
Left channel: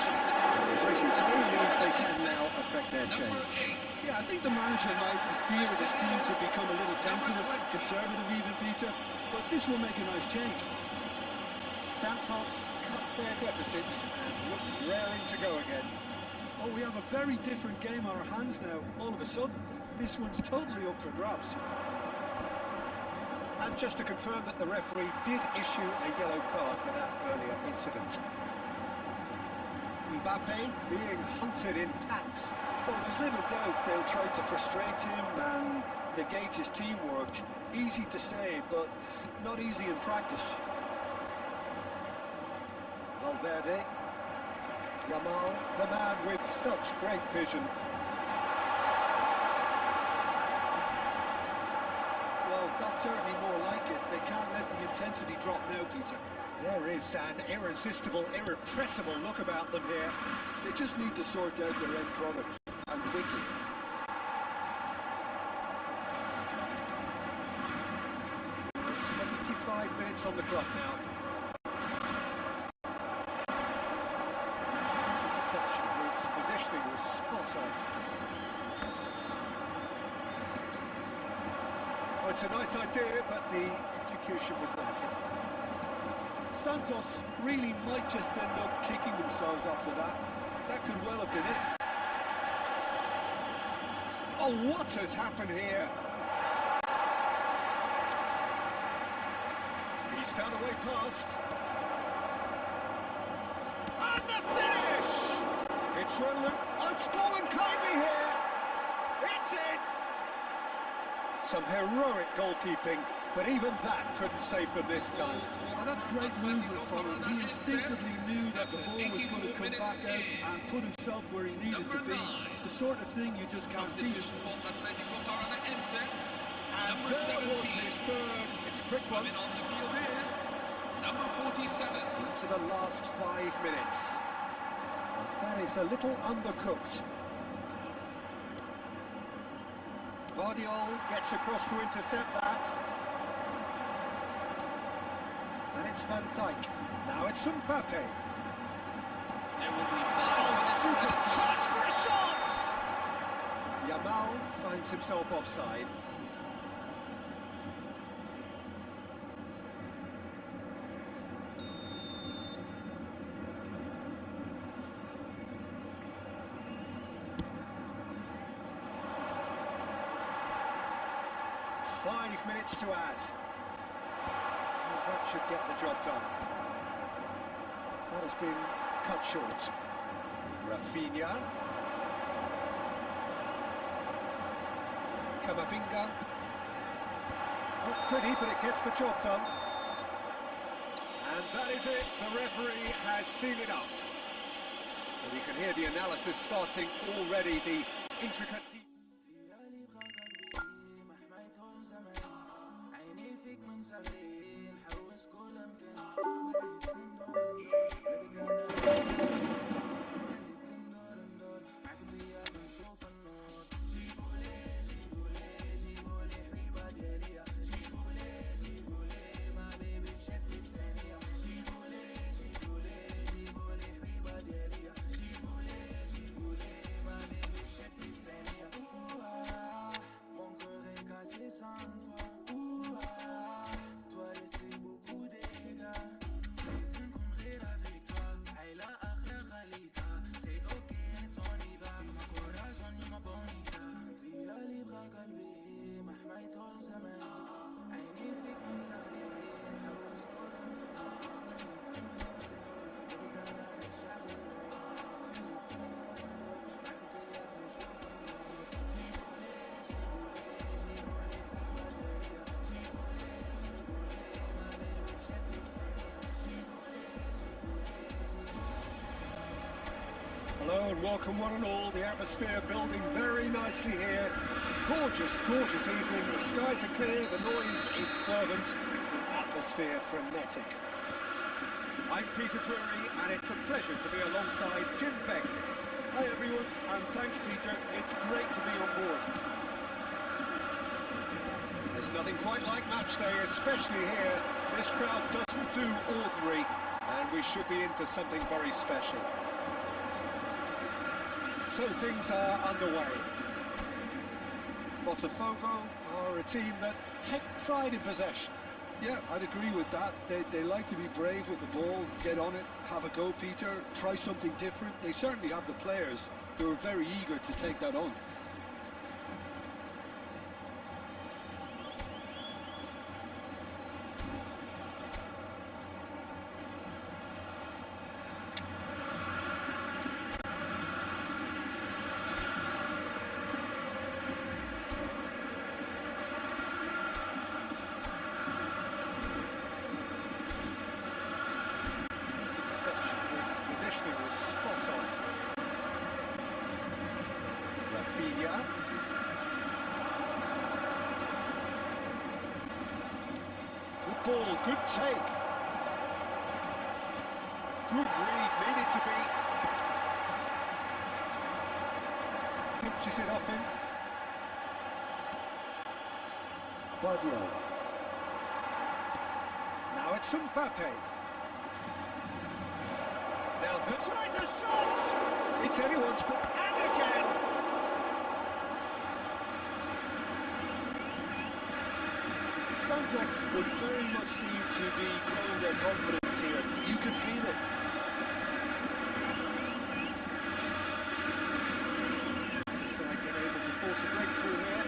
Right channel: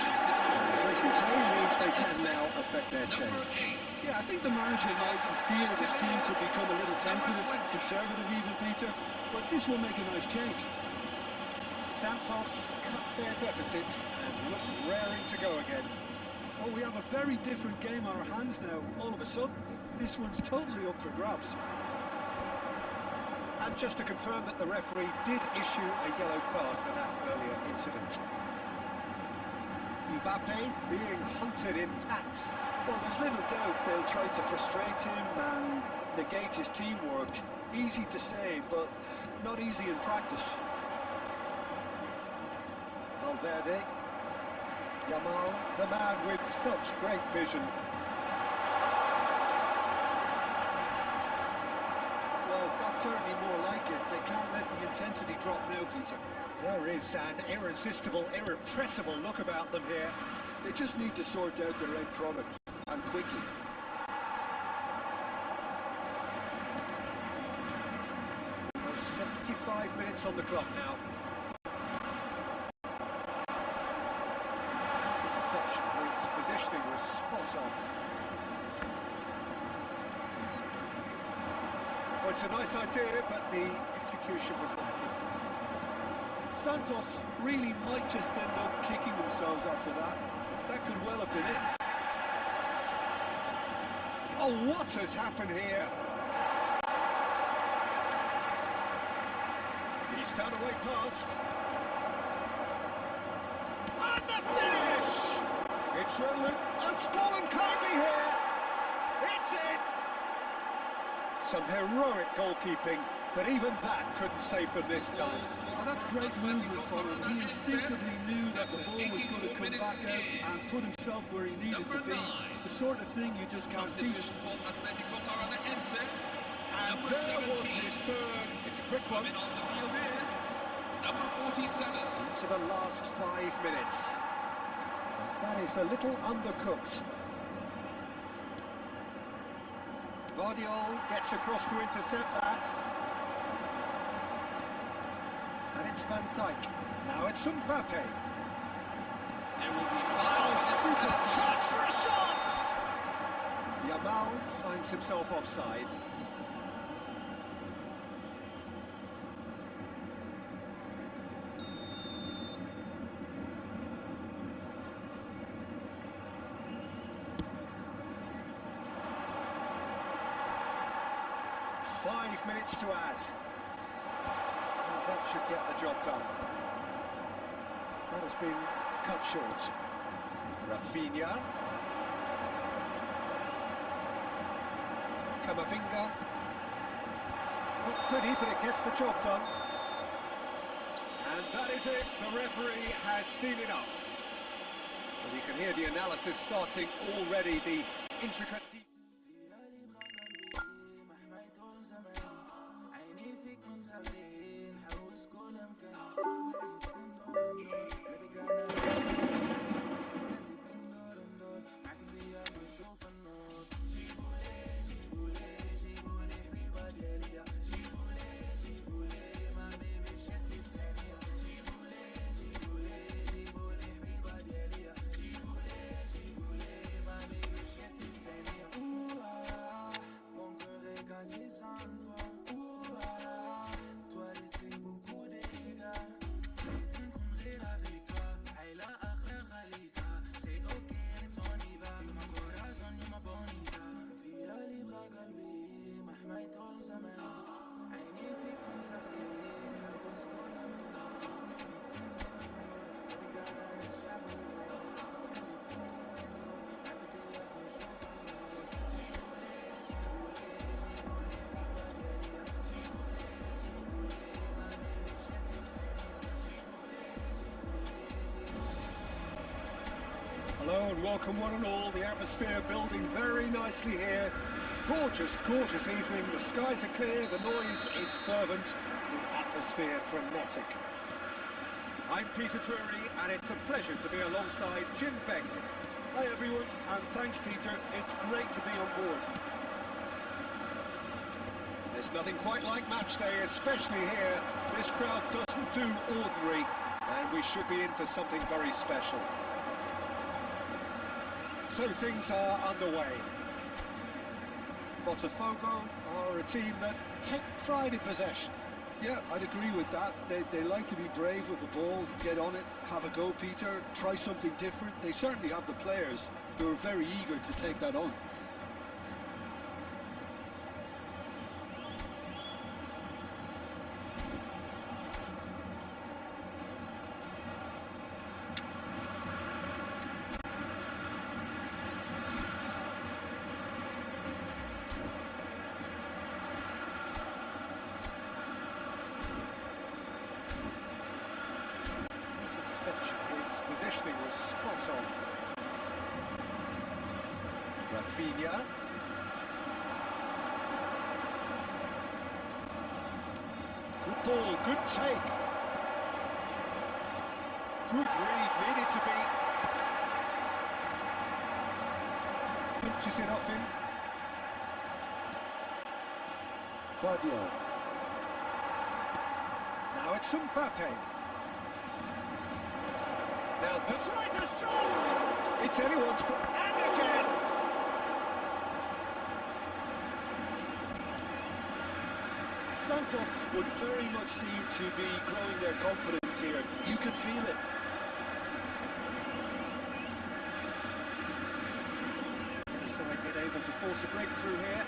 Breaking play means they can now affect their change. Yeah, I think the manager might have feared his team could become a little tentative, conservative even, Peter, but this will make a nice change. Santos cut their deficits and look raring to go again. Oh, we have a very different game on our hands now, all of a sudden. This one's totally up for grabs. And just to confirm that the referee did issue a yellow card for that earlier incident. Mbappe being hunted in packs. Well, there's little doubt they'll try to frustrate him and negate his teamwork. Easy to say, but not easy in practice. Valverde. Yamal, the man with such great vision. Well, that's certainly more like it. They can't let the intensity drop now, Peter. There is an irresistible, irrepressible look about them here. They just need to sort out their end product, and quickly. There's 75 minutes on the clock now. That's a deception. His positioning was spot on. Well, it's a nice idea, but the execution was lacking. Santos really might just end up kicking themselves after that. That could well have been it. Oh, what has happened here? He's found a way past. And the finish! It's fallen kindly here. It's in! Some heroic goalkeeping, but even that couldn't save them this time. And that's great movement from him. He instinctively knew that the ball was going to come back out and put himself where he needed to be. The sort of thing you just can't teach. And there was his third. It's a quick one. On the field is number 47. Into the last 5 minutes. And that is a little undercooked. Vardiol gets across to intercept that. And it's Van Dijk. Now it's Mbappe. There will be 5 minutes. Super chance for a shot! Yamal finds himself offside. Five minutes to add. Well, that should get the job done. That has been cut short. Rafinha. Camavinga. Not pretty, but it gets the job done. And that is it. The referee has seen enough. And you can hear the analysis starting already, the intricate... فيك من صغري نحوس كل مكان معك انت يا نشوف النور جيبولي جيبولي جيبولي حبيبة دياليا جيبولي ما بيبي في شكلي في ثانية جيبولي جيبولي جيبولي حبيبة دياليا جيبولي ما بيبي في شكلي في ثانية mon cœur est cassé sans toi toi laissé beaucoup de dégâts j'ai une connerie avec toi Ayla akhra khalita c'est ok let's on y va you my corazon you my bonita تيا لي بغا قلبي مهما يطول زمان عيني فيك من صغري نحوس كل مكان خليك ندور نبقى نار الشعب اللور خليك ندور معك انت يا اخي نشوف النور جيبولي جيبولي جيبولي حبيبة دياليا جيبولي ما بيبي في شكلي في ثانية جيبولي Hello and welcome one and all. The atmosphere building very nicely here. Gorgeous, gorgeous evening. The skies are clear, the noise is fervent, the atmosphere frenetic. I'm Peter Drury and it's a pleasure to be alongside Jim Begley. Hi everyone, and thanks Peter. It's great to be on board. There's nothing quite like match day, especially here. This crowd doesn't do ordinary and we should be in for something very special. So things are underway. Botafogo are a team that take pride in possession. Yeah, I'd agree with that. They like to be brave with the ball, get on it, have a go, Peter, try something different. They certainly have the players who are very eager to take that on. His positioning was spot on. Rafinha. Good ball, good take. Good read, needed to be. Pinches it off him. Vardiol. Now it's Mbappe. Now this tries a shot! It's anyone's ball, and again! Santos would very much seem to be growing their confidence here. You can feel it. Other side get able to force a breakthrough here.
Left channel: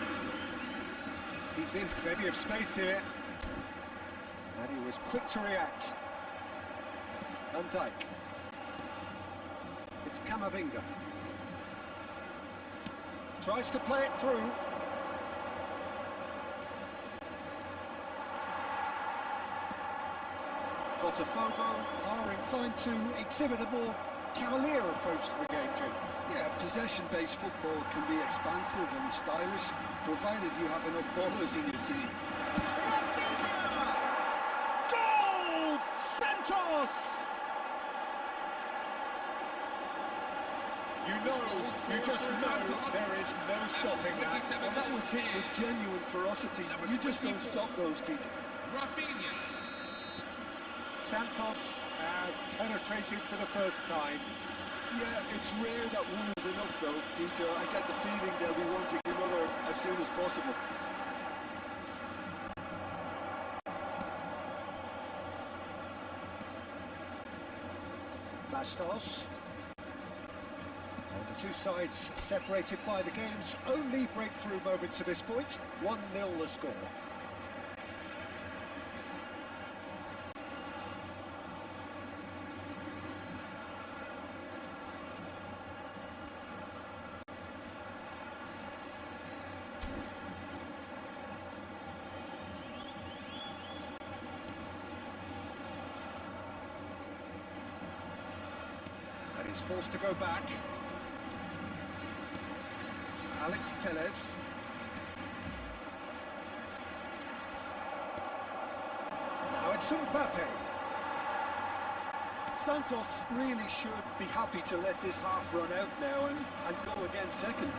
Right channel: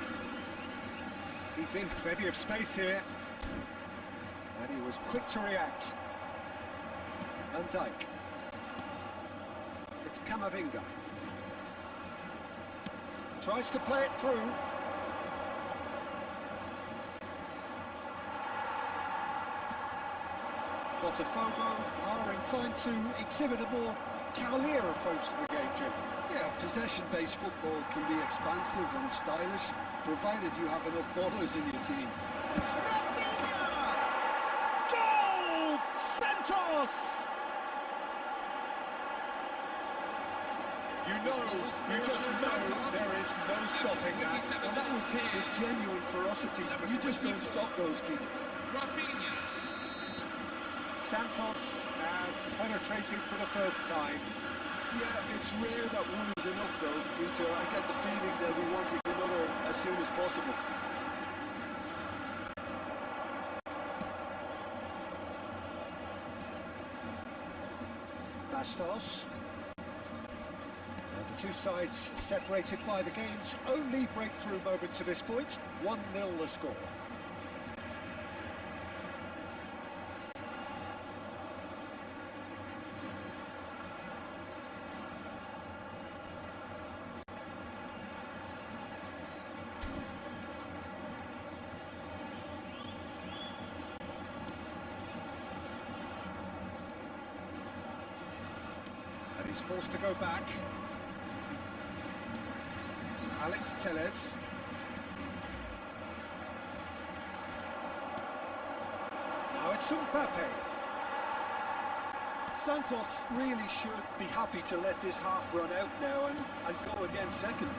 He's in plenty of space here. And he was quick to react. Van Dijk. It's Camavinga. Tries to play it through. Botafogo are inclined to exhibit a more cavalier approach to the game, Jim. Yeah, possession-based football can be expansive and stylish, provided you have enough ballers in your team. And Rafinha! Goal! Santos! You just know there is no stopping that. well, that was hit with genuine ferocity. You just don't stop those, Peter. Rafinha. Santos have penetrated for the first time. Yeah, it's rare that one is enough, though, Peter. I get the feeling they'll be wanting another as soon as possible. Bastos. And the two sides separated by the game's only breakthrough moment to this point. 1-0 the score. And he's forced to go back. Alex Telles. Now it's Mbappe. Santos really should be happy to let this half run out now and go again second.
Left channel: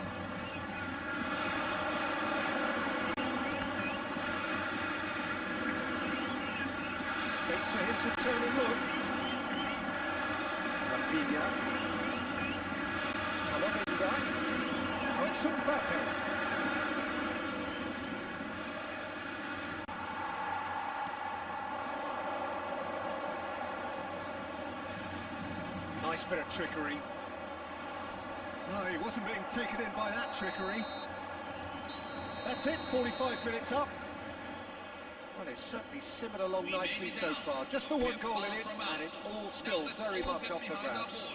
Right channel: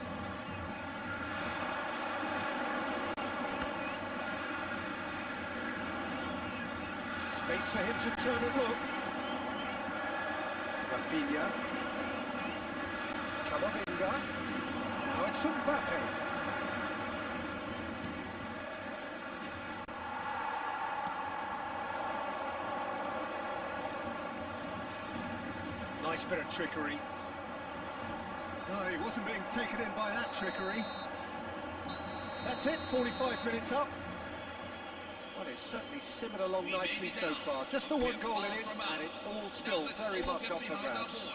Space for him to turn and look. Rafinha. Camavinga. Now it's Mbappe. Nice bit of trickery. No, he wasn't being taken in by that trickery. That's it, 45 minutes up. Well, it's certainly simmered along nicely so far. Just the one goal in it, and it's all still very much up for grabs.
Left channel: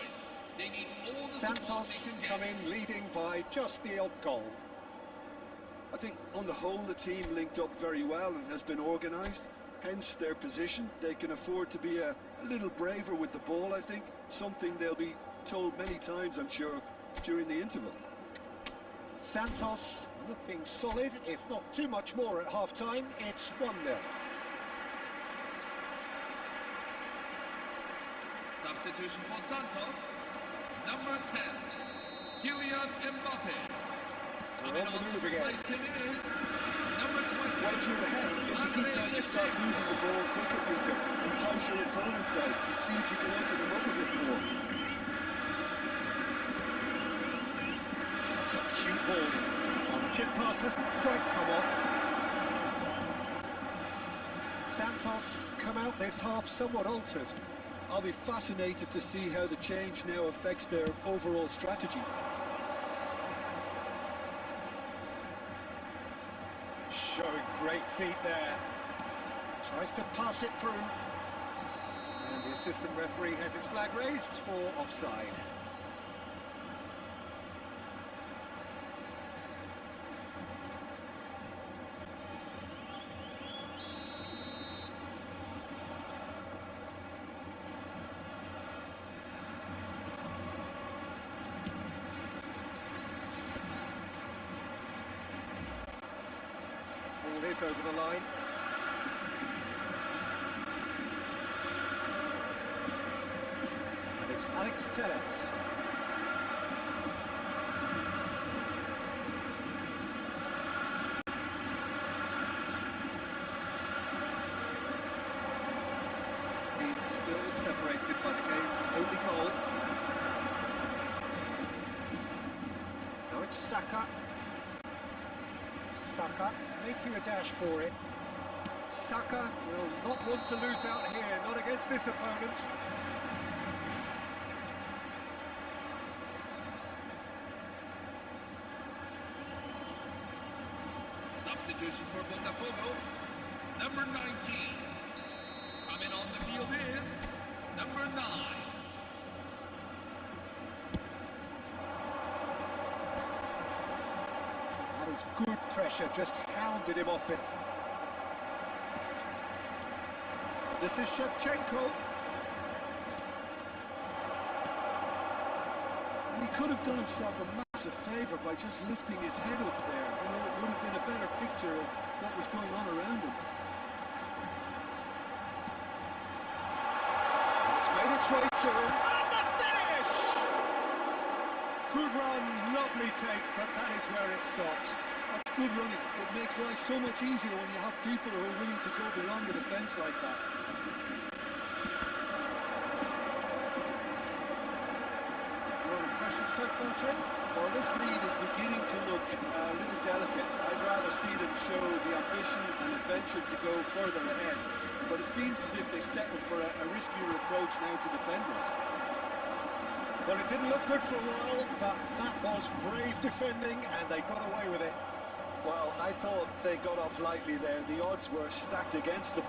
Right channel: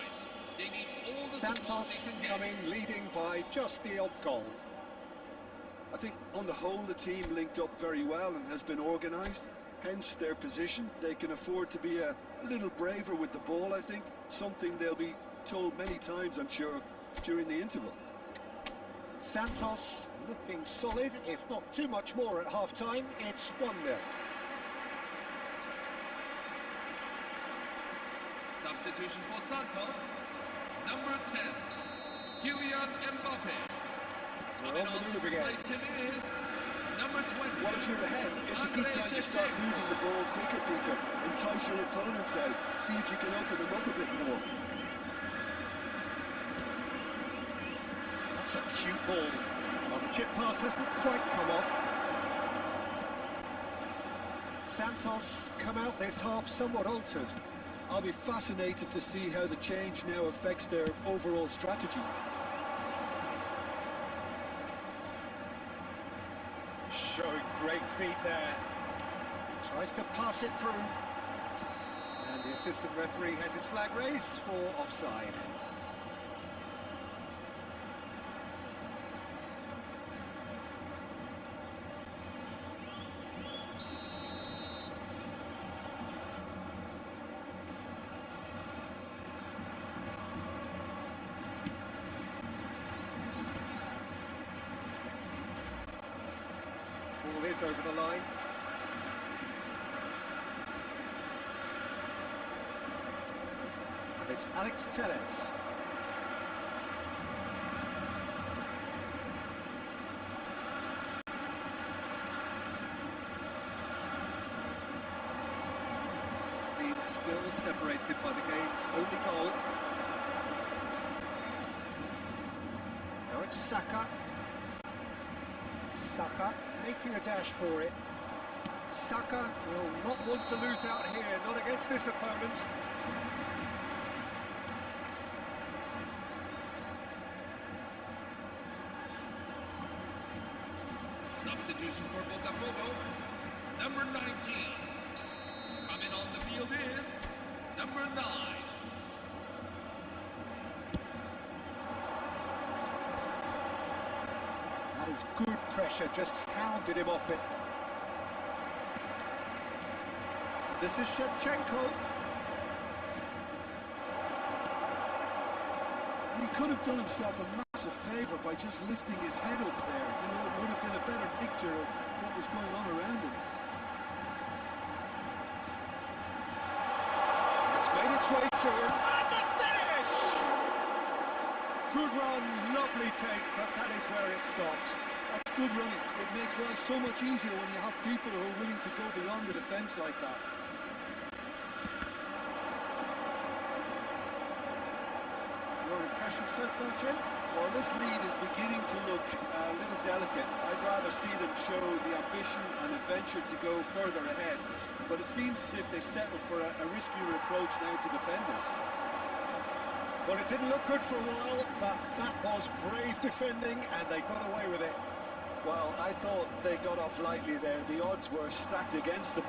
Santos come in leading by just the odd goal. I think on the whole the team linked up very well and has been organised. Hence their position. They can afford to be a little braver with the ball, I think. Something they'll be told many times, I'm sure, during the interval. Santos looking solid, if not too much more at half-time. It's 1-0. Substitution for Santos. Number 10, Kylian Mbappe. We're on the move again. Replace him is number 20. Well, if you're ahead, it's a good time to start moving the ball quicker, Peter. Entice your opponents out. See if you can open them up a bit more. That's a cute ball. Well, the chip pass hasn't quite come off. Santos come out this half somewhat altered. I'll be fascinated to see how the change now affects their overall strategy. Showing great feet there. Tries to pass it through. And the assistant referee has his flag raised for offside. Ball is over the line. And it's Alex Telles. Being still separated by the game's only goal. Now it's Saka. Saka making a dash for it. Saka will not want to lose out here, not against this opponent. Substitution for Botafogo, number 19. Coming on the field is number 9. That is good pressure, just hounded him off it. This is Shevchenko. And he could have done himself a massive favour by just lifting his head up there. You know, it would have been a better picture of what was going on around him. It's made its way to him. And the finish! Good run, lovely take, but that is where it stopped. That's good running. It makes life so much easier when you have people who are willing to go beyond the defence like that. Your impression so far, Jim? Well, this lead is beginning to look a little delicate. I'd rather see them show the ambition and adventure to go further ahead. But it seems as if they settled for a riskier approach now to defend this. Well, it didn't look good for a while, but that was brave defending, and they got away with it. Well, I thought they got off lightly there. The odds were stacked against them.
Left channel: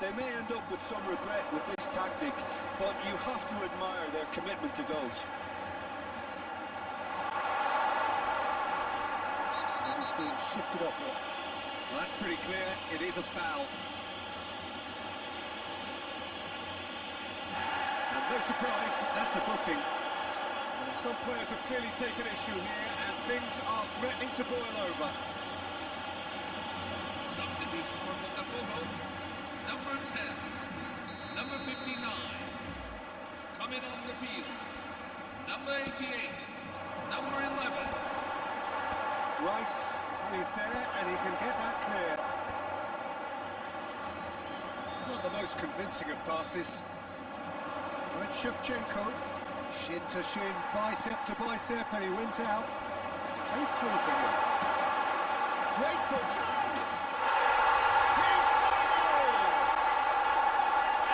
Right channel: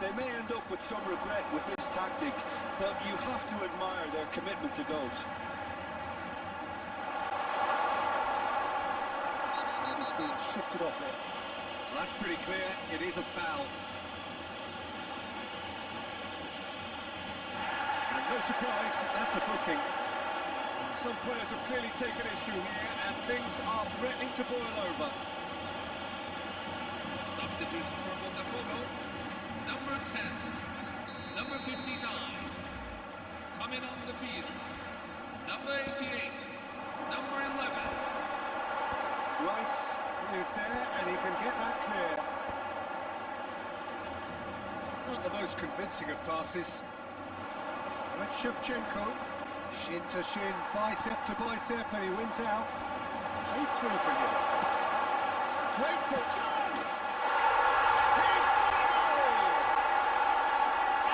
They may end up with some regret with this tactic, but you have to admire their commitment to goals. And he's being shifted off it. Well, that's pretty clear. It is a foul. And no surprise, that's a booking. Well, some players have clearly taken issue here, and things are threatening to boil over. Substitution for Botafogo. Number 10, number 59, coming on the field, number 88, number 11. Rice is there, and he can get that clear. Not the most convincing of passes. With Shevchenko, shin to shin, bicep to bicep, and he wins out. It's played through for him. Great ball. Chance! He's got a goal!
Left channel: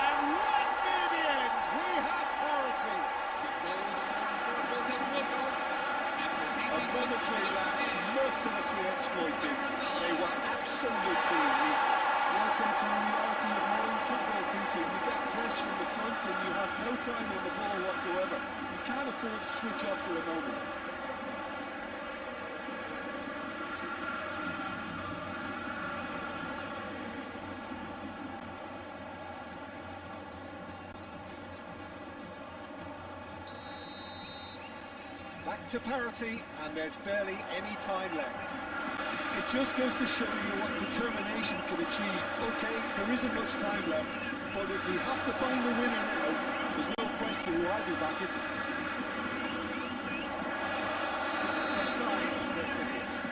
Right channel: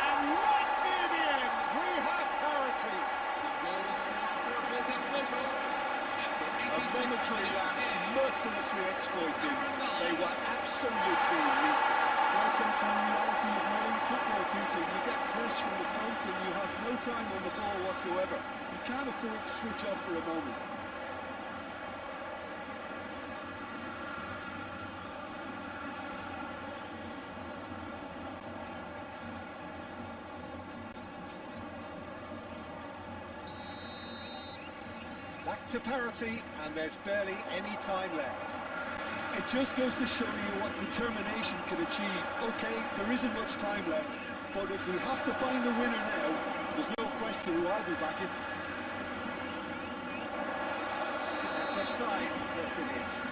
And right near the end, we have parity. The goal scored for Botafogo. A momentary lapse, mercilessly exploited. They were absolutely weak. Welcome to the reality of modern football, Peter. You get press from the front and you have no time on the ball whatsoever. You can't afford to switch off for a moment. Back to parity, and there's barely any time left. It just goes to show you what determination can achieve. Okay, there isn't much time left, but if we have to find a winner now, there's no question who I'll be backing. That's offside. Yes, it is.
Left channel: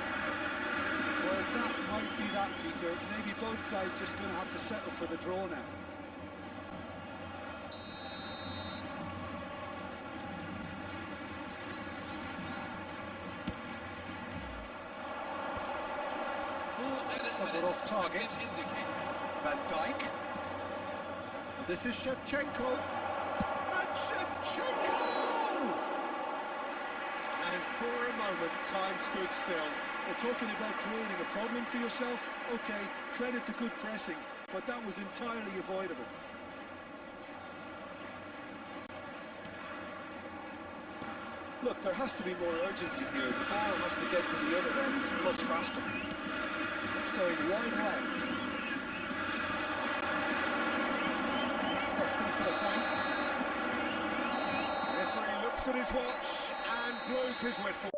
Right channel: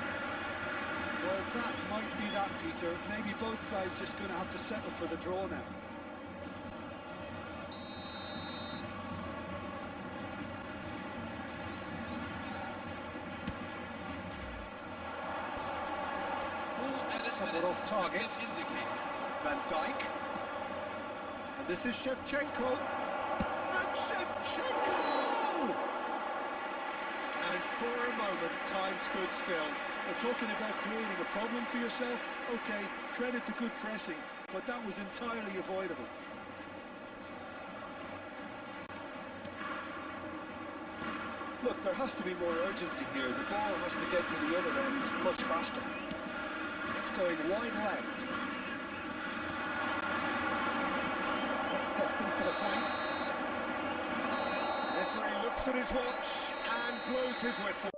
Well, that might be that, Peter. Maybe both sides just going to have to settle for the draw now. Somewhat off target. Van Dijk. And this is Shevchenko. And Shevchenko! And for a moment, time stood still. We're talking about creating a problem for yourself. Okay, credit to good pressing, but that was entirely avoidable. Look, there has to be more urgency here. The ball has to get to the other end much faster. It's going wide left. It's destined for the flank. Referee looks at his watch and blows his whistle.